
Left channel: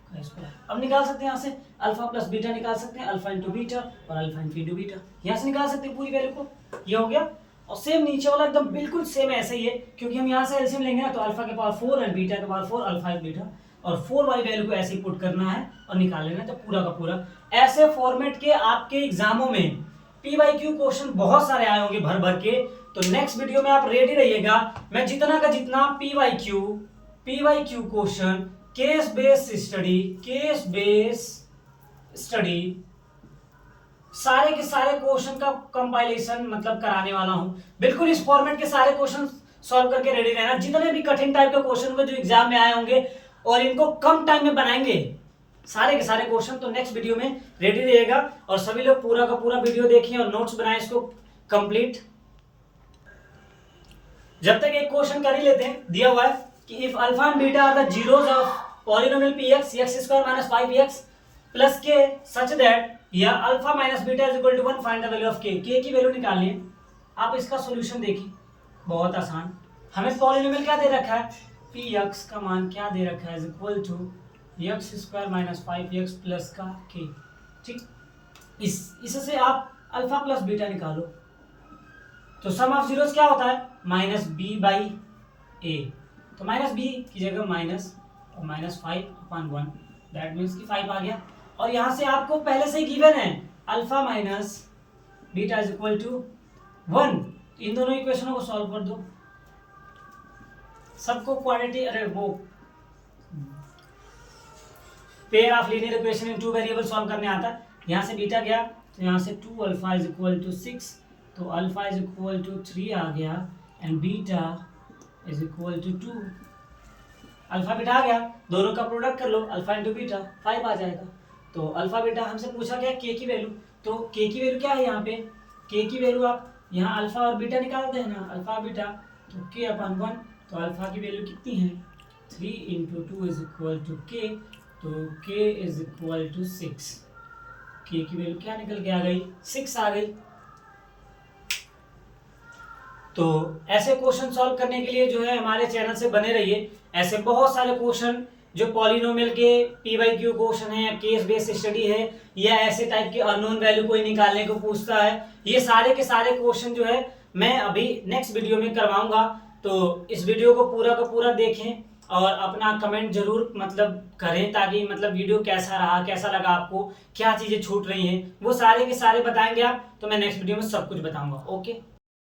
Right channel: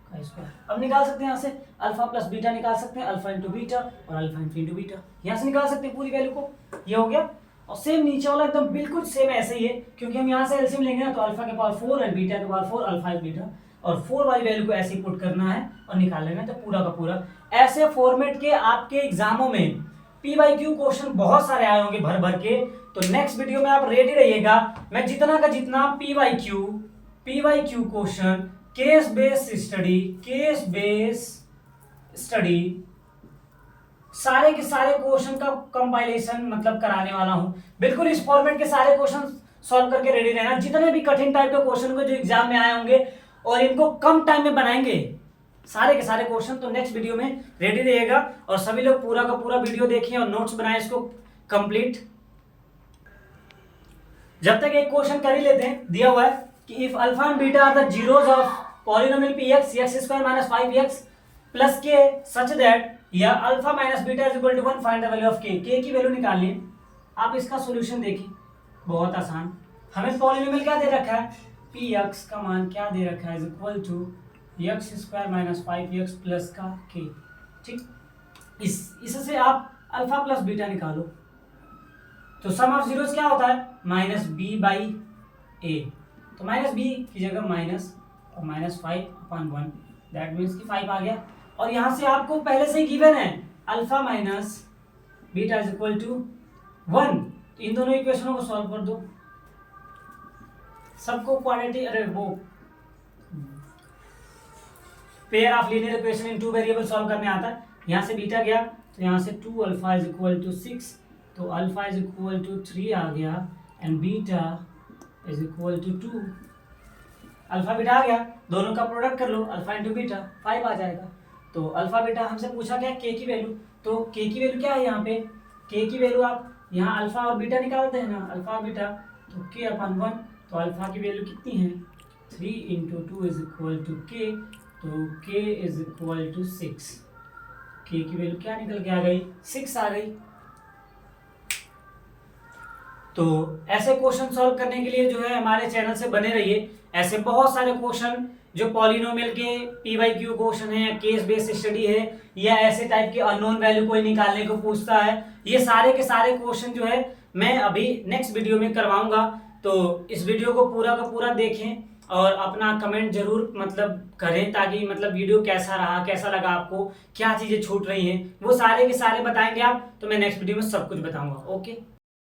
का स्क्वायर। अब निकाल सकते हैं यहाँ से अल्फा प्लस बीटा निकाल सकते हैं, अल्फा इंटू बीटा और अल्फा इंटू बीटा, यहाँ से निकाल सकते हैं पूरी वैल्यू को, ये हो गया। और सेम नीचे वाला एकदम बिल्कुल सेम ऐसे ही है, क्योंकि हम यहाँ से एलसीएम लेंगे ना, तो अल्फा के पावर 4 एंड बीटा के पावर 4 अल्फा बीटा, और 4 वाली वैल्यू को ऐसे ही पुट करना है और निकाल लेना है, तो पूरा का पूरा। ऐसे फॉर्मेट के आपके एग्जामों में पीवाईक्यू क्वेश्चन बहुत सारे आए होंगे भर भर के। तो नेक्स्ट वीडियो में आप रेडी रहिएगा, मैं जितना का जितना PYQ question, case based study सारे के सारे क्वेश्चन का कंपाइलेशन मतलब कराने वाला हूं। बिल्कुल इस फॉर्मेट के सारे क्वेश्चन सॉल्व करके रेडी रहना, जितने भी कठिन टाइप के क्वेश्चन को जो एग्जाम में आए होंगे और इनको कम टाइम में बनाएंगे सारे के सारे क्वेश्चन। तो नेक्स्ट वीडियो में रेडी रहिएगा और सभी लोग पूरा का पूरा वीडियो देखें और नोट्स बनाएं इसको कंप्लीट। जब तक एक क्वेश्चन कर ही लेते हैं, दिया हुआ है कि if alpha and beta are the zeros of polynomial px x square minus 5x plus k such that, या alpha minus beta is equal to 1, find the value of k की वैल्यू निकालनी है। आप इसका सॉल्यूशन देखिए, बहुत आसान। हमें पॉलिनोमियल क्या दे रखा है, px का मान क्या दे रखा है, is equal to x square minus 5x plus का k, ठीक। इससे आप अल्फा प्लस बीटा निकालो, तो सम ऑफ जीरोस क्या होता है, माइनस बी बाई ए। तो माइनस बी की जगह माइनस और माइनस 5/1, दैट मीन्स कि 5 आ गया। और यहाँ से आपको पहले से ही गिवन है alpha minus beta is equal to 1, तो इन दोनों इक्वेशनों को सॉल्व कर दो, सबको क्वाड्रेटिक, अरे वो pair of linear equation in 2 variable solve करने आता है। यहाँ से बीटा गया तो यहाँ से 2 अल्फा इज इक्वल टू 6, तो अल्फा इज इक्वल टू 3 आ गया and beta is equal to 2। Alpha beta आ गया, दोनों का प्रोडक्ट कर लो, अल्फा इंटू बीटा 5 आ जाएगा। तो अल्फा बीटा हमसे पूछा गया के की वैल्यू, तो के की वैल्यू क्या है यहाँ पे, के की वैल्यू आप यहाँ अल्फा और बीटा निकालते हैं ना, अल्फा बीटा, तो के अपन 1, तो अल्फा की वैल्यू कितनी है 3 इंटू 2 इज इक्वल टू के, तो के इज इक्वल टू 6। के की वैल्यू क्या निकल के आ गई, 6 आ गई। तो ऐसे क्वेश्चन सॉल्व करने के लिए जो है हमारे चैनल से बने रहिए। ऐसे बहुत सारे क्वेश्चन जो पॉलिनोमियल के पीवाईक्यू क्वेश्चन है, या केस बेस्ड स्टडी है, या ऐसे टाइप के अननोन वैल्यू कोई निकालने को पूछता है, ये सारे के सारे क्वेश्चन जो है मैं अभी नेक्स्ट वीडियो में करवाऊंगा। तो इस वीडियो को पूरा का पूरा देखें और अपना कमेंट जरूर मतलब करें, ताकि मतलब वीडियो कैसा रहा, कैसा लगा आपको, क्या चीज़ें छूट रही हैं, वो सारे के सारे बताएंगे आप, तो मैं नेक्स्ट वीडियो में सब कुछ बताऊंगा। ओके।